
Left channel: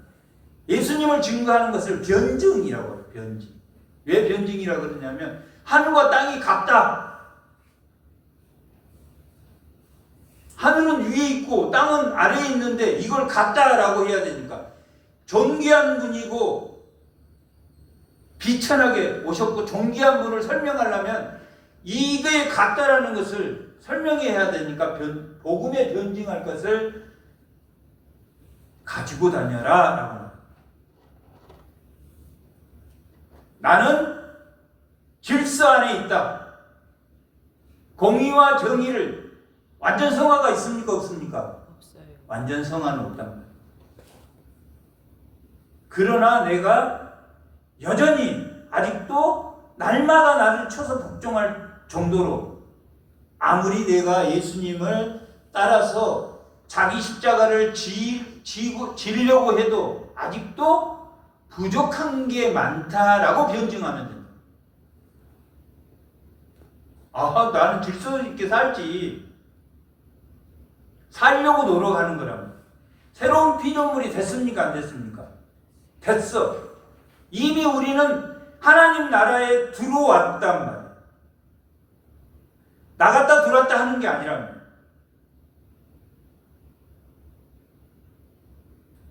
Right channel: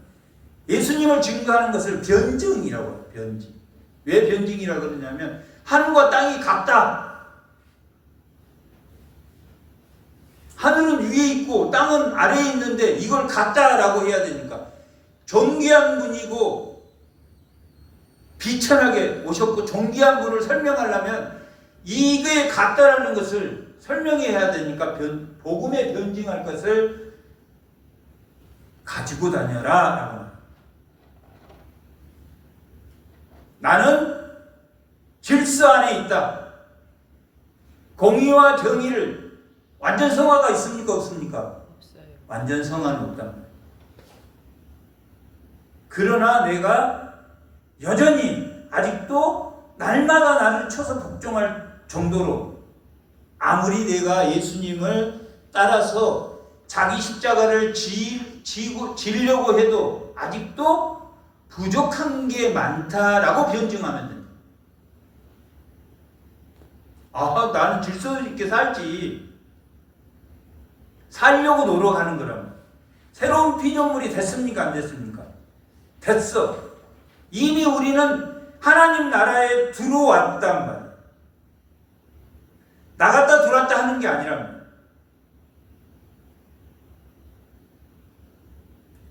예수님을 증거하는 것을 변증이라고 해요. 변증. 왜 변증이라고 그러냐면 하늘과 땅이 같다. 하늘은 위에 있고 땅은 아래에 있는데 이걸 같다라고 해야 되니까 존귀한 분이고 비천하게 오셨고 존귀한 분을 설명하려면 이게 같다라는 것을 설명해야 되니까 복음에 변증할 것을 가지고 다녀라 라고 합니다. 나는 질서 안에 있다. 공의와 정의를 완전 성화가 있습니까? 없습니까? 없어요. 완전 성화는 없단 말이에요. 그러나 내가 여전히 아직도 날마다 나를 쳐서 복종할 정도로 아무리 내가 예수님을 따라서 자기 십자가를 지려고 해도 아직도 부족한 게 많다라고 변증하면 됩니다. 아, 나는 질서 있게 살지. 살려고 노력하는 거랍니다. 새로운 피조물이 됐습니까? 안 됐습니까? 됐어. 이미 우리는 하나님 나라에 들어왔단 말이에요. 나갔다 들어왔다 하는 게 아니랍니다.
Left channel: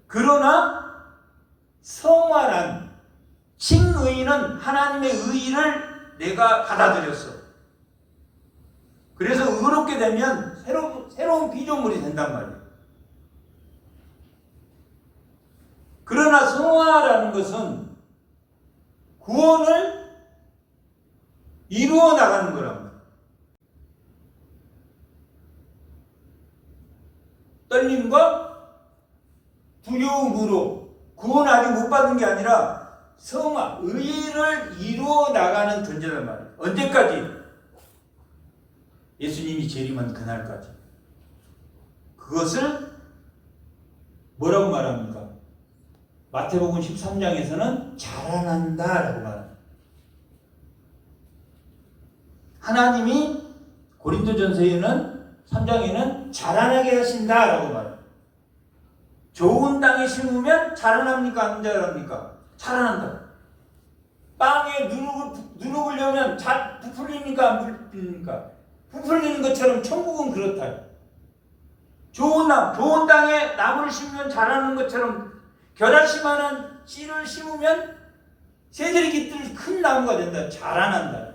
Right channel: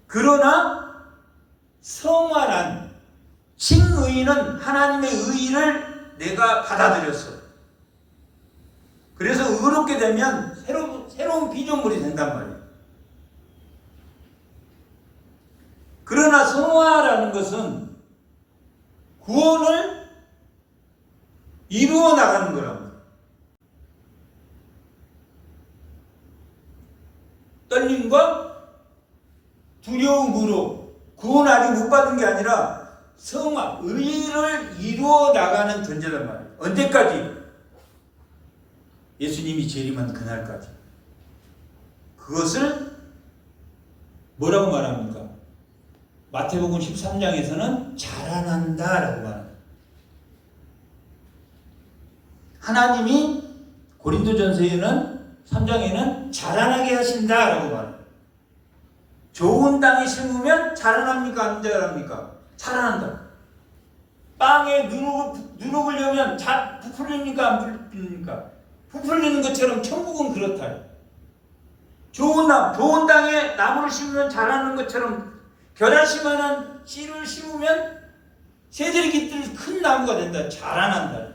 그러나 성화란 칭의는 하나님의 의의를 내가 받아들였어. 그래서 의롭게 되면 새로운 피조물이 된단 말이에요. 그러나 성화라는 것은 구원을 이루어 나가는 거랍니다. 떨림과 두려움으로 구원 아직 못 받은 게 아니라 성화, 의를 이루어 나가는 존재란 말이에요. 언제까지? 예수님이 재림한 그날까지. 그것을 뭐라고 말합니까? 마태복음 13장에서는 자라난다라고 말합니다. 하나님이 고린도전서에는 3장에는 자라나게 하신다라고 말합니다. 좋은 땅에 심으면 자라납니까? 안 자랍니까? 자라난다. 빵에 누룩을 넣으면 부풀립니까? 안 부풀립니까? 부풀리는 것처럼 천국은 그렇다. 좋은 땅에 나무를 심으면 자라는 것처럼 겨자씨만한 씨를 심으면 새들이 깃들 큰 나무가 된다. 자라난다.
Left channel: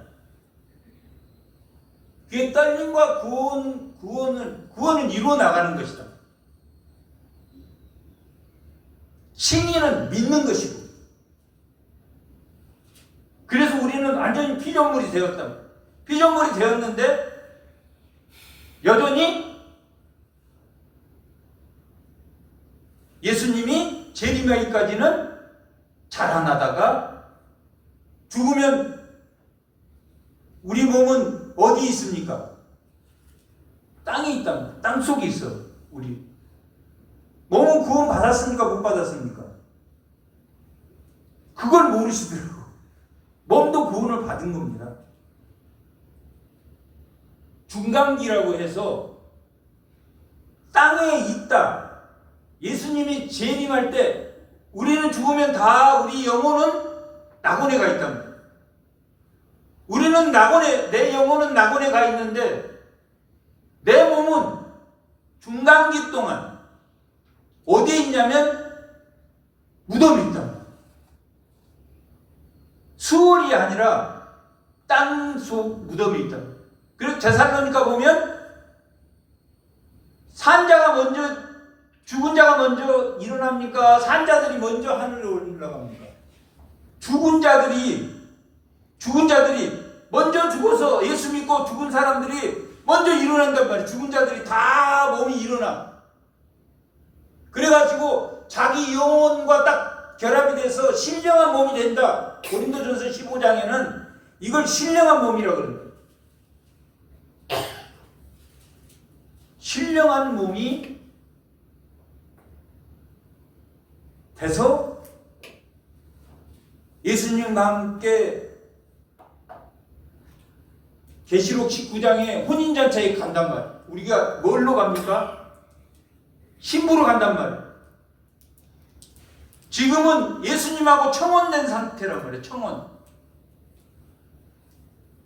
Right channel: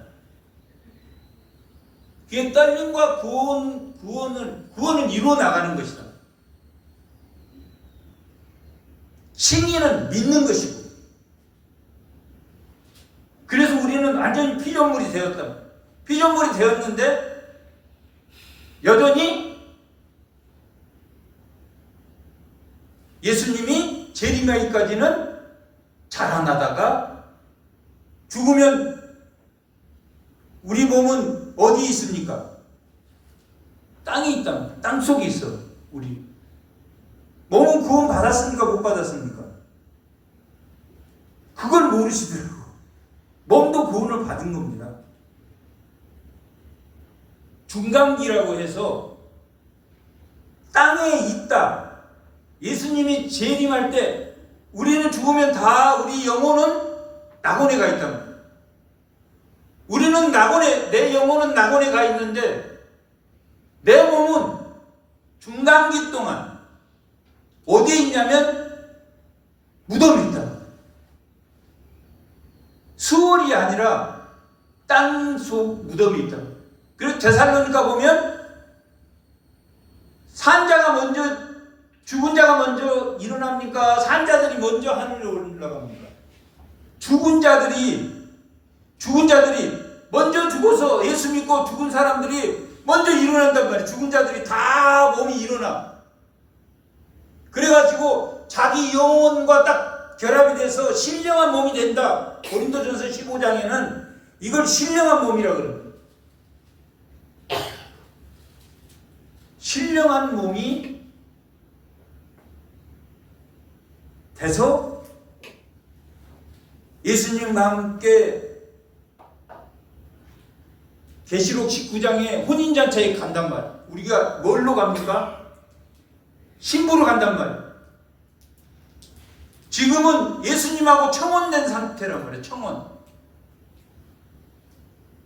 그게 떨림과 구원을 이루어 나가는 것이다. 칭의는 믿는 것이고. 그래서 우리는 완전히 피조물이 되었다. 피조물이 되었는데 여전히 예수님이 재림하기까지는 자라나다가 죽으면 우리 몸은 어디 있습니까? 땅에 있답니다. 땅 속에 있어. 우리 몸은 구원 받았습니까? 못 받았습니까? 그걸 모르시더라고. 몸도 구원을 받은 겁니다. 중간기라고 해서 땅에 있다. 예수님이 재림할 때 우리는 죽으면 다 우리 영혼은 낙원에 가 있다. 우리는 낙원에, 내 영혼은 낙원에 가 있는데 내 몸은 중간기 동안 어디에 있냐면 무덤에 있다. 수월이 아니라 땅속 무덤이 있다. 그리고 데살로니가 보면 산자가 먼저, 죽은 자가 먼저 일어납니까? 산자들이 먼저 하늘로 올라갑니까? 죽은 자들이 먼저 죽어서 예수 믿고 죽은 사람들이 먼저 일어난단 말이에요. 죽은 자들이 다 몸이 일어나. 그래가지고 자기 영혼과 딱 결합이 돼서 신령한 몸이 된다. 고린도전서 15장에는 이걸 신령한 몸이라고 그럽니다. 신령한 몸이 돼서 예수님과 함께 계시록 19장에 혼인잔치에 간단 말이에요. 우리가 뭘로 갑니까? 신부로 간단 말이에요. 지금은 예수님하고 청혼된 상태란 말이에요. 청혼.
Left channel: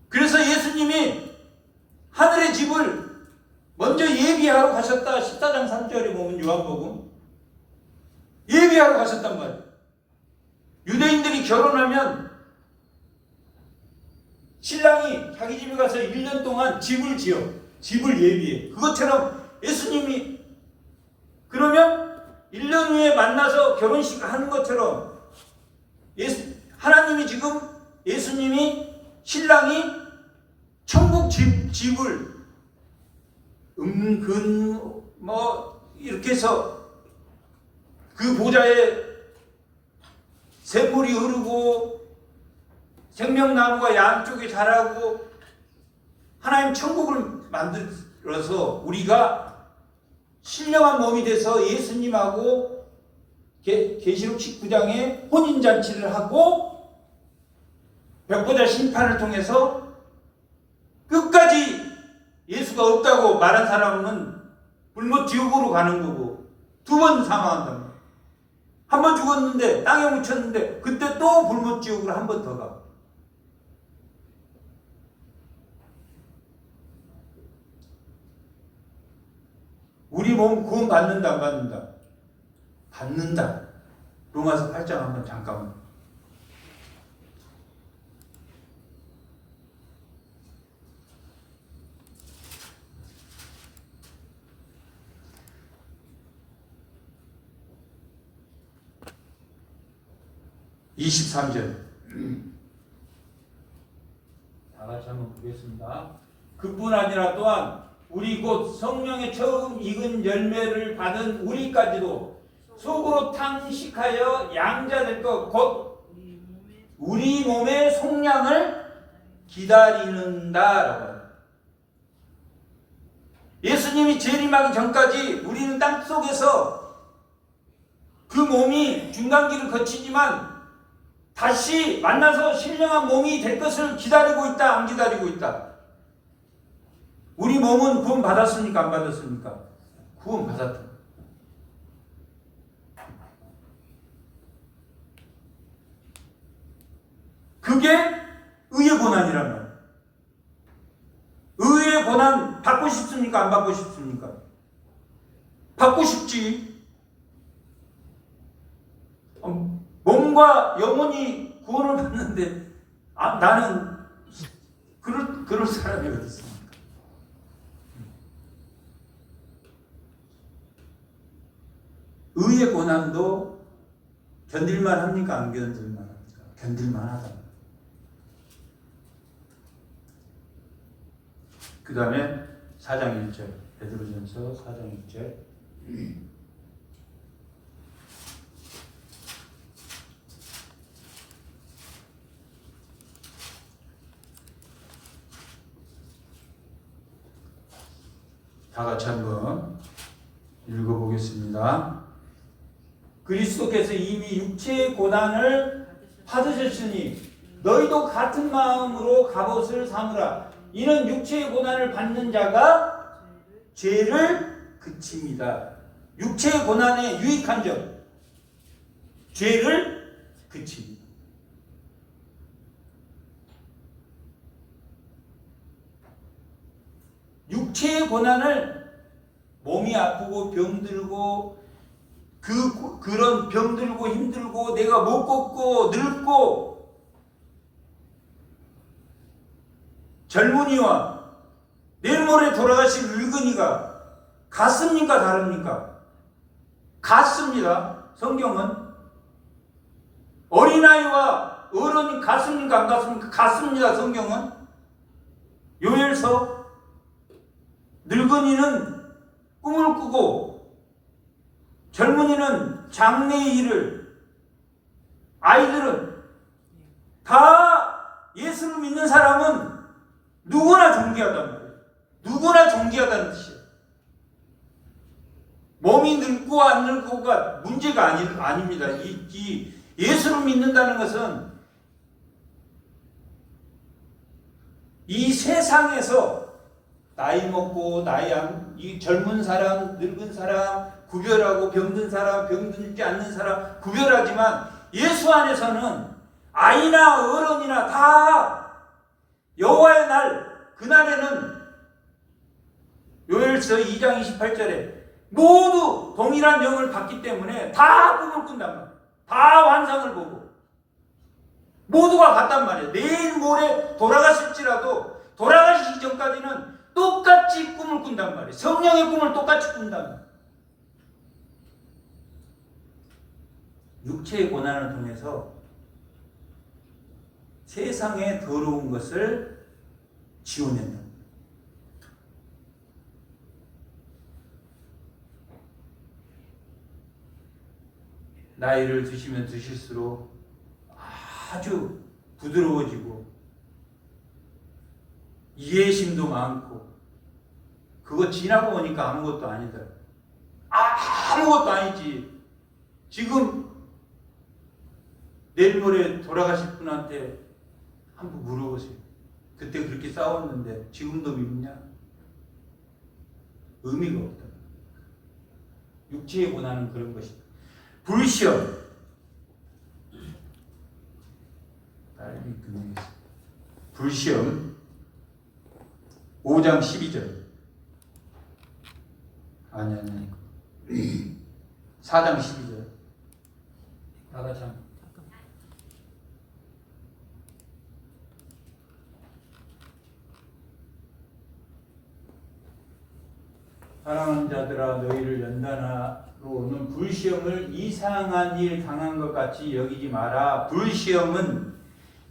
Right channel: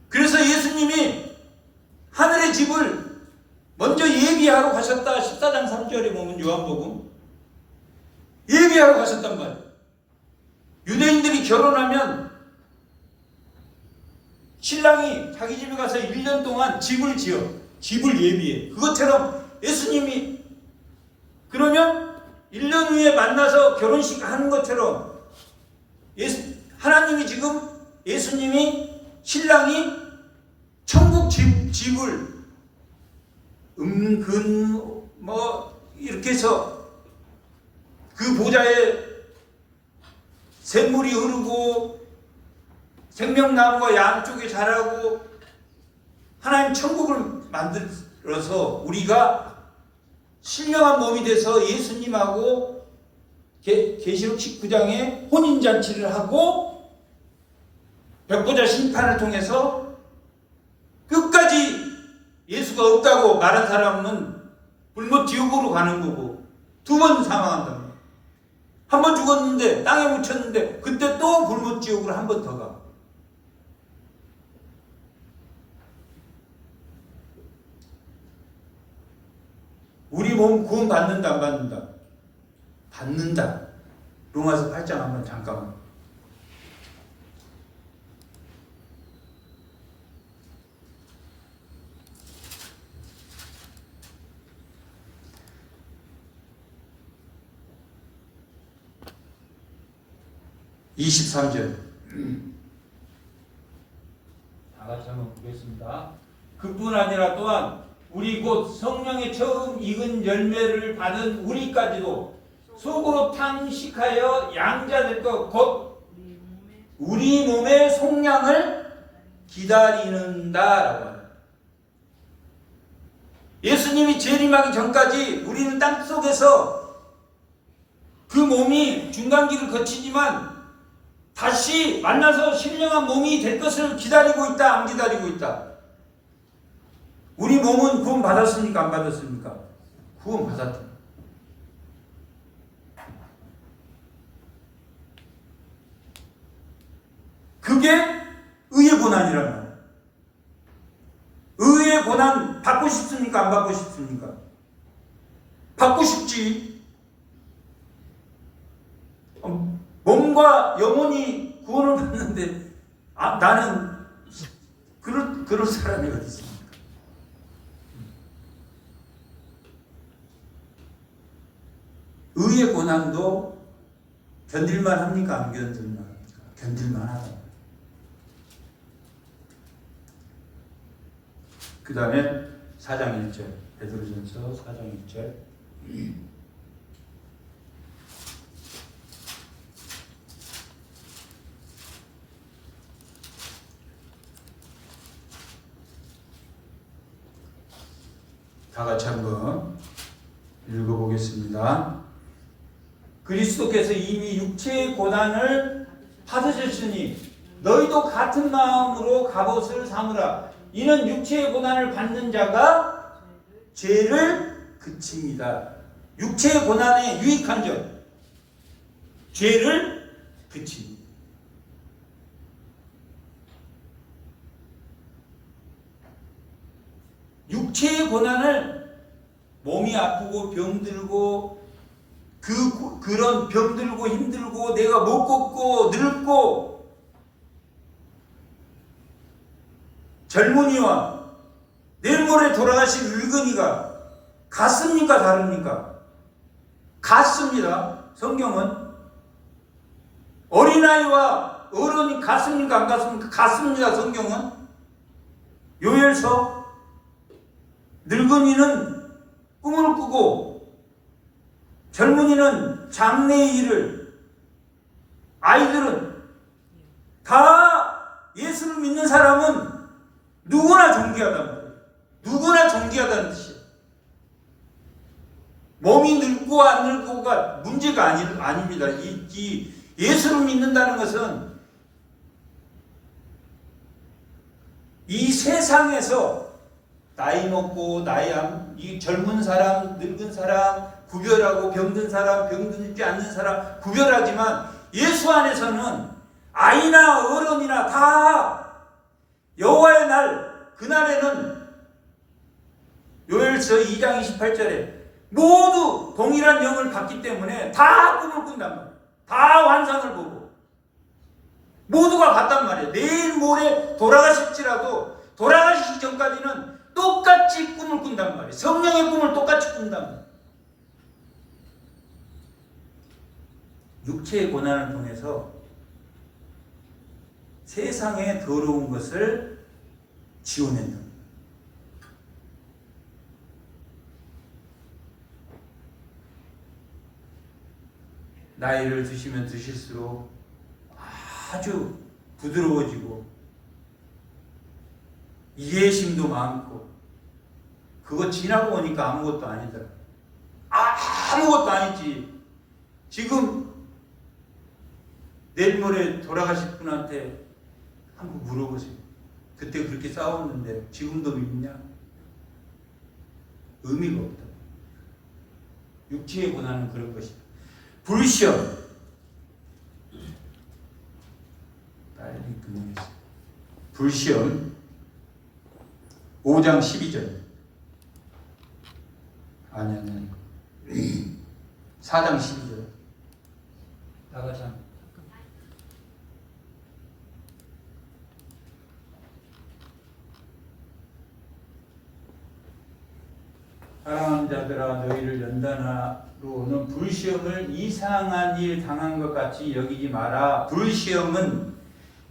그래서 예수님이 하늘의 집을 먼저 예비하러 가셨다. 14장 3절에 보면 요한복음 예비하러 가셨단 말이에요. 유대인들이 결혼하면 신랑이 자기 집에 가서 1년 동안 집을 지어. 집을 예비해. 그것처럼 예수님이 그러면 1년 후에 만나서 결혼식을 하는 것처럼 하나님이 지금 예수님이 신랑이 천국 집을 이렇게 해서 그 보좌에 샘물이 흐르고 생명나무가 양쪽에 자라고 하나님 천국을 만들어서 우리가 신령한 몸이 돼서 예수님하고 계시록 19장에 혼인잔치를 하고 벽보자 심판을 통해서 끝까지 예수가 없다고 말한 사람은 불못 지옥으로 가는 거고 2번 사망한단 말이에요. 한 번 죽었는데 땅에 묻혔는데 그때 또 불못 지옥으로 한 번 더 가. 우리 몸 구원 받는다 안 받는다? 받는다. 로마서 8장 한번 잠깐만. (23절) 다 같이 한번 보겠습니다. 그뿐 아니라 또한 우리 곧 성령의 처음 익은 열매를 받은 우리까지도 속으로 탕식하여 양자될 것 곧 우리 몸의 속량을 기다리는다라고 합니다. 예수님이 재림하기 전까지 우리는 땅 속에서 그 몸이 중간기를 거치지만 다시 만나서 신령한 몸이 될 것을 기다리고 있다, 안 기다리고 있다? 우리 몸은 구원 받았습니까? 안 받았습니까? 구원 받았다. 그게 의의 고난이란 말이에요. 의의 고난 받고 싶습니까? 안 받고 싶습니까? 받고 싶지. 몸과 영혼이 구원을 받는데 나는 그럴 사람이 어디 있습니까? 의의 고난도 견딜만 합니까? 안 견딜만 합니까? 견딜만 하다. 그 다음에 4장 1절 베드로전서 4장 1절 다 같이 한번 읽어보겠습니다. 그리스도께서 이미 육체의 고난을 받으셨으니 너희도 같은 마음으로 갑옷을 삼으라. 이는 육체의 고난을 받는 자가 죄를 그칩니다. 육체의 고난에 유익한 점, 죄를 그칩니다. 육체의 고난을 몸이 아프고 병들고 그런 병들고 힘들고 내가 못 걷고 늙고 젊은이와 내일 모레 돌아가실 늙은이가 같습니까? 다릅니까? 같습니다. 성경은 어린아이와 어른이 같습니까? 안 같습니까? 같습니다. 성경은 요엘서 늙은이는 꿈을 꾸고 젊은이는 장래의 일을, 아이들은 다 예수를 믿는 사람은 누구나 존귀하단 말이에요. 누구나 존귀하다는 뜻이에요. 몸이 늙고 안 늙고가 문제가 아닙니다. 이 예수를 믿는다는 것은 이 세상에서 나이 먹고 이 젊은 사람, 늙은 사람 구별하고 병든 사람, 병들지 않는 사람 구별하지만 예수 안에서는 아이나 어른이나 다 여호와의 날, 그날에는 요엘서 2장 28절에 모두 동일한 영을 받기 때문에 다 꿈을 꾼단 말이에요. 다 환상을 보고 모두가 같단 말이에요. 내일 모레 돌아가실지라도 돌아가시기 전까지는 똑같이 꿈을 꾼단 말이에요. 성령의 꿈을 똑같이 꾼단 말이에요. 육체의 고난을 통해서 세상의 더러운 것을 지워낸다. 나이를 드시면 드실수록 아주 부드러워지고 이해심도 많고 그거 지나고 오니까 아무것도 아니더라. 아무것도 아니지. 지금 내일 모레 돌아가실 분한테 한번 물어보세요. 그때 그렇게 싸웠는데 지금도 믿냐? 의미가 없다. 육체의 고난은 그런 것이다. 불시험. 빨리 끝내겠습니다. 불시험 5장 12절. 아니. 4장 12절. 다 같이 한번. 사랑하는 자들아, 너희를 연단하러 오는 불시험을 이상한 일 당한 것 같이 여기지 마라.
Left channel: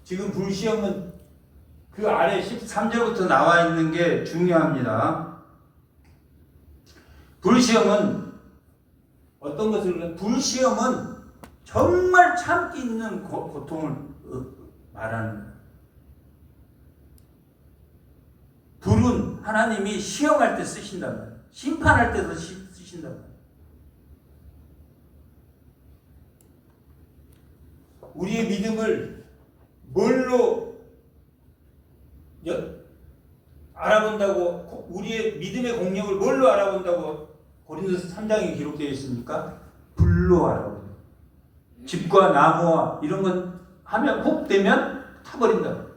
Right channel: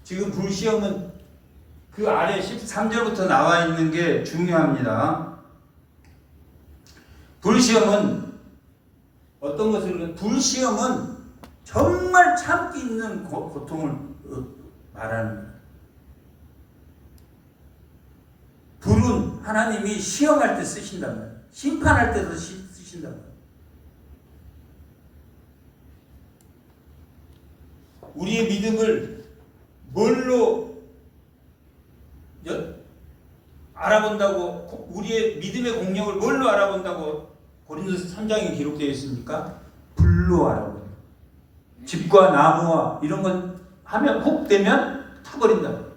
지금 불시험은 그 아래 13절부터 나와 있는 게 중요합니다. 불시험은 어떤 것을 불시험은 정말 참기 있는 고통을 말하는 거예요. 불은 하나님이 시험할 때 쓰신단 말이에요. 심판할 때도 쓰신단 말이에요. 우리의 믿음을 뭘로 알아본다고, 우리의 믿음의 공력을 뭘로 알아본다고 고린도서 3장에 기록되어 있습니까? 불로 알아본다. 집과 나무와 이런 건 하면 훅 되면 타버린다.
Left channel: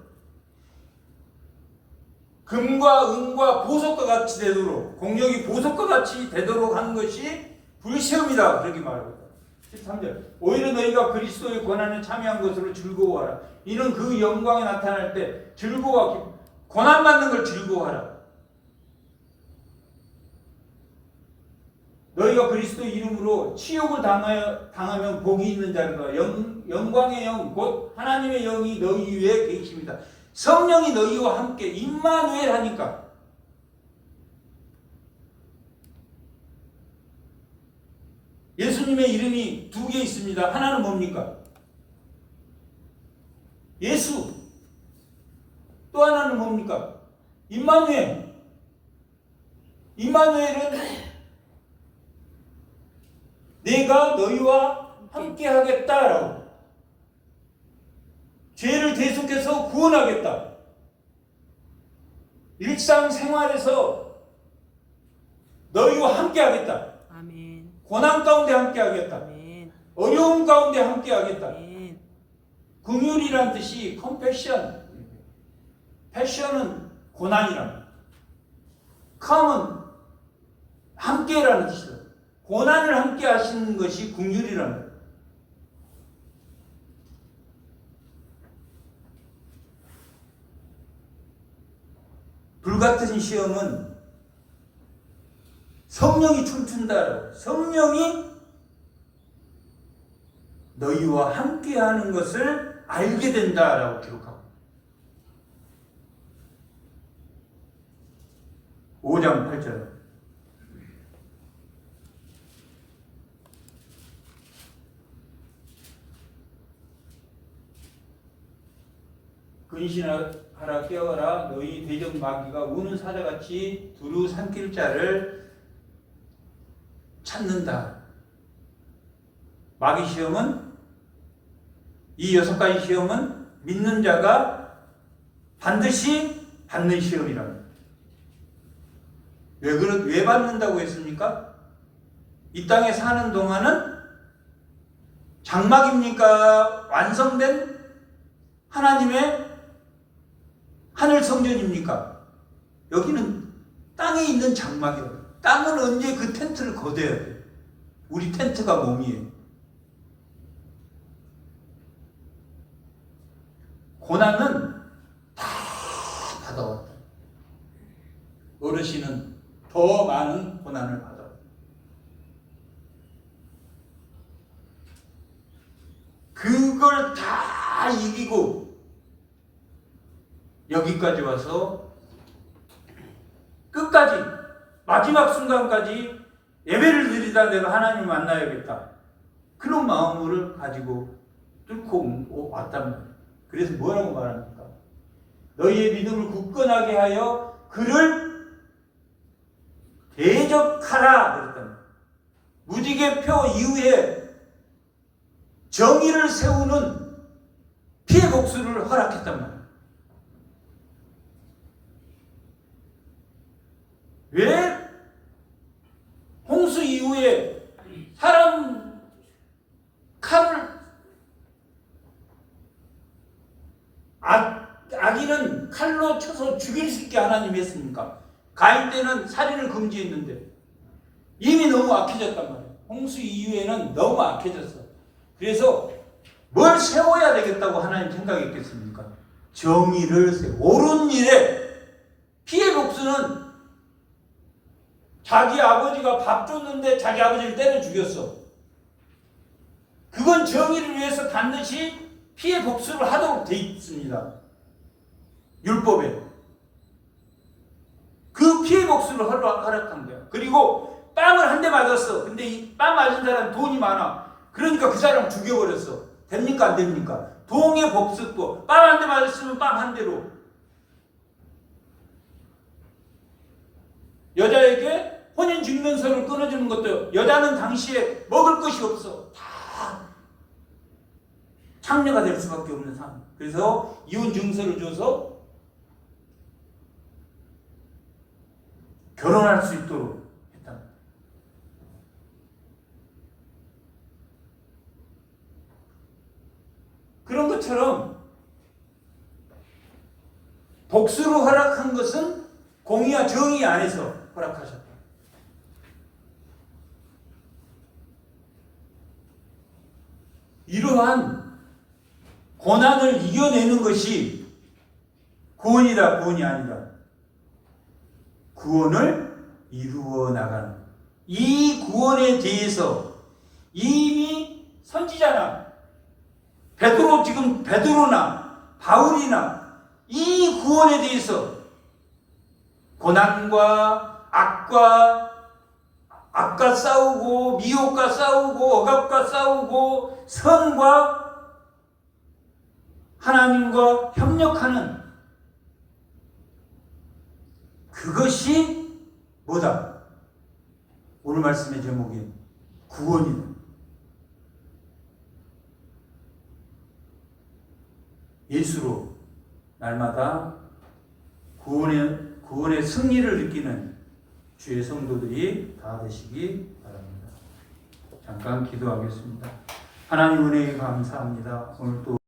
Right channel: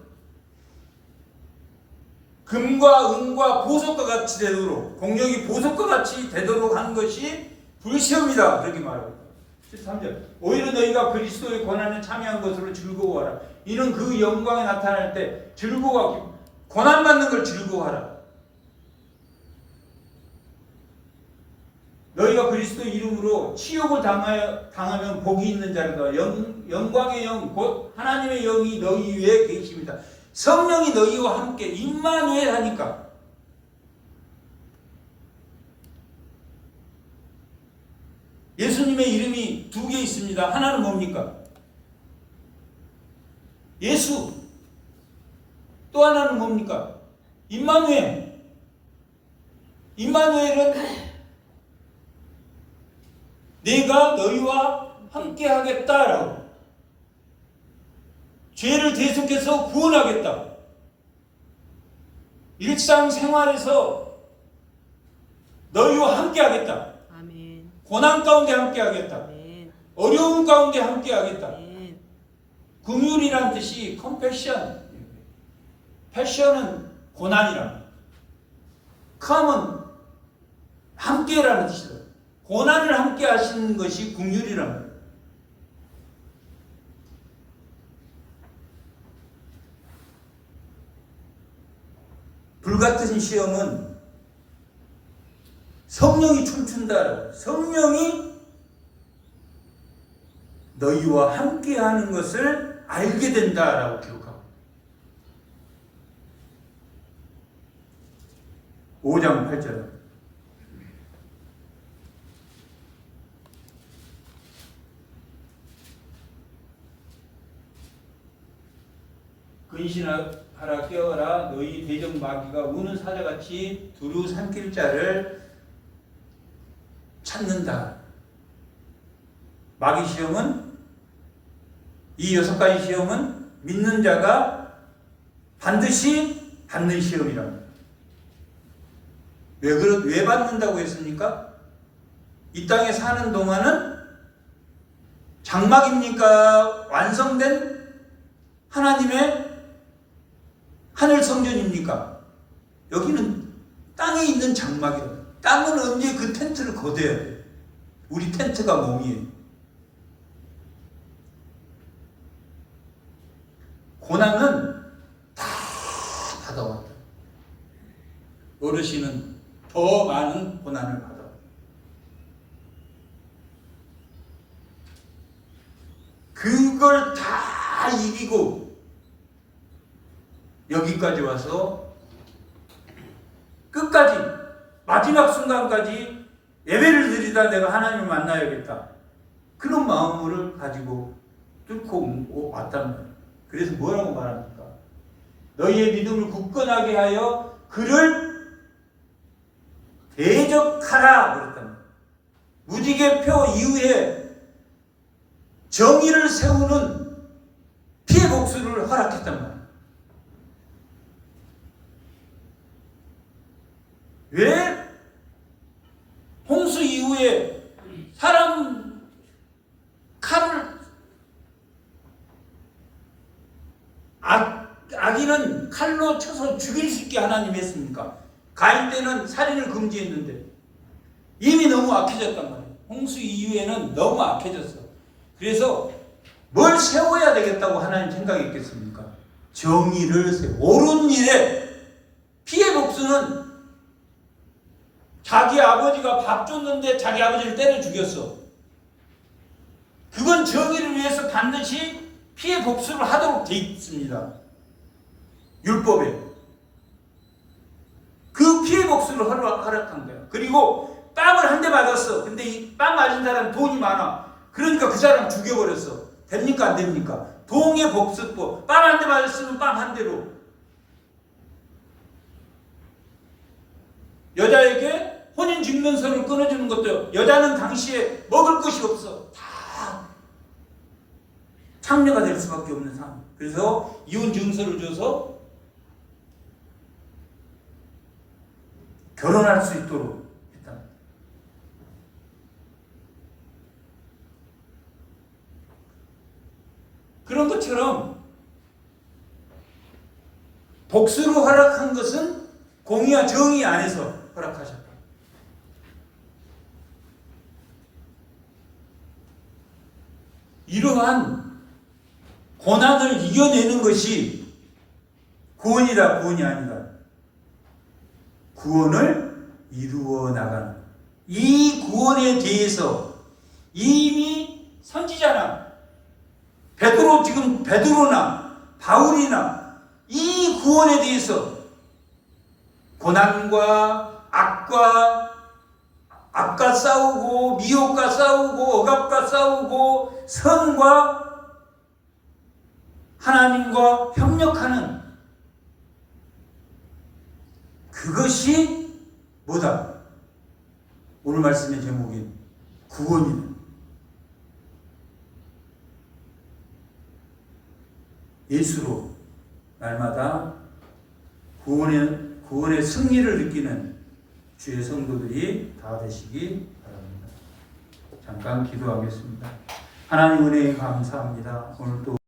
금과 은과 보석과 같이 되도록, 공력이 보석과 같이 되도록 한 것이 불시험이다. 그렇게 말합니다. 13절. 오히려 너희가 그리스도의 고난에 참여한 것으로 즐거워하라. 이는 그 영광이 나타날 때 즐거워하기, 고난받는 걸 즐거워하라. 너희가 그리스도 이름으로 치욕을 당하면 복이 있는 자로다. 영광의 영, 곧 하나님의 영이 너희 위에 계십니다. 성령이 너희와 함께 임마누엘 하니까. 예수님의 이름이 2개 있습니다. 하나는 뭡니까? 예수. 또 하나는 뭡니까? 임마누엘. 임마누엘은 내가 너희와 함께 하겠다라고. 죄를 대속해서 구원하겠다. 일상생활에서 너희와 함께 하겠다. 아멘. 고난 가운데 함께 하겠다. 아멘. 어려움 가운데 함께 하겠다. 아멘. 긍휼이란 뜻이 컴패션. 패션은 고난이란. 컴은 함께라는 뜻이다. 고난을 함께 하시는 것이 긍휼이라는 거예요. 불같은 시험은 성령이 춤춘다. 성령이 너희와 함께하는 것을 알게 된다라고 기록하고 5장 8절 근신하라 깨어라 너희 대적 마귀가 우는 사자같이 두루 삼킬 자를 찾는다. 마귀 시험은 이 6가지 시험은 믿는 자가 반드시 받는 시험이랍니다. 왜 받는다고 했습니까? 이 땅에 사는 동안은 장막입니까? 완성된 하나님의 하늘 성전입니까? 여기는 땅에 있는 장막이에요. 땅은 언제 그 텐트를 거둬야 돼요. 우리 텐트가 몸이에요. 고난은 다 받아왔다. 어르신은 더 많은 고난을 받아왔다. 그걸 다 이기고 여기까지 와서 끝까지 마지막 순간까지 예배를 드리다 내가 하나님을 만나야겠다. 그런 마음을 가지고 뚫고 왔단 말이에요. 그래서 뭐라고 말합니까? 너희의 믿음을 굳건하게 하여 그를 대적하라 그랬단 말이에요. 무지개표 이후에 정의를 세우는 피해 복수를 허락했단 말이에요. 왜 홍수 이후에 사람 칼을 악인은 칼로 쳐서 죽일 수 있게 하나님이 했습니까? 가인 때는 살인을 금지했는데 이미 너무 악해졌단 말이에요. 홍수 이후에는 너무 악해졌어. 그래서 뭘 세워야 되겠다고 하나님 생각했겠습니까? 정의를 세워. 옳은 일에 피해 복수는 자기 아버지가 밥 줬는데 자기 아버지를 때려 죽였어. 그건 정의를 위해서 반드시 피해 복수를 하도록 돼 있습니다. 율법에. 그 피해 복수를 허락한 거야. 그리고 빵을 한 대 맞았어. 근데 이 빵 맞은 사람 돈이 많아. 그러니까 그 사람 죽여버렸어. 됩니까? 안 됩니까? 동의 복수법. 빵 한 대 맞았으면 빵 한 대로. 여자에게 혼인증명서를 끊어주는 것도 여자는 당시에 먹을 것이 없어. 다 창녀가 될 수밖에 없는 상황. 그래서 이혼 증서를 줘서 결혼할 수 있도록 했다. 그런 것처럼 복수를 허락한 것은 공의와 정의 안에서 허락하셨다. 이러한 고난을 이겨내는 것이 구원이다, 구원이 아니다. 구원을 이루어 나가는 이 구원에 대해서 이미 선지자나 베드로나 바울이나 이 구원에 대해서 고난과 악과 싸우고 미혹과 싸우고 억압과 싸우고 선과 하나님과 협력하는 그것이 뭐다? 오늘 말씀의 제목인 구원이다. 예수로 날마다 구원의 승리를 느끼는 주의 성도들이 다 되시기 바랍니다. 잠깐 기도하겠습니다. 하나님 은혜에 감사합니다. 오늘도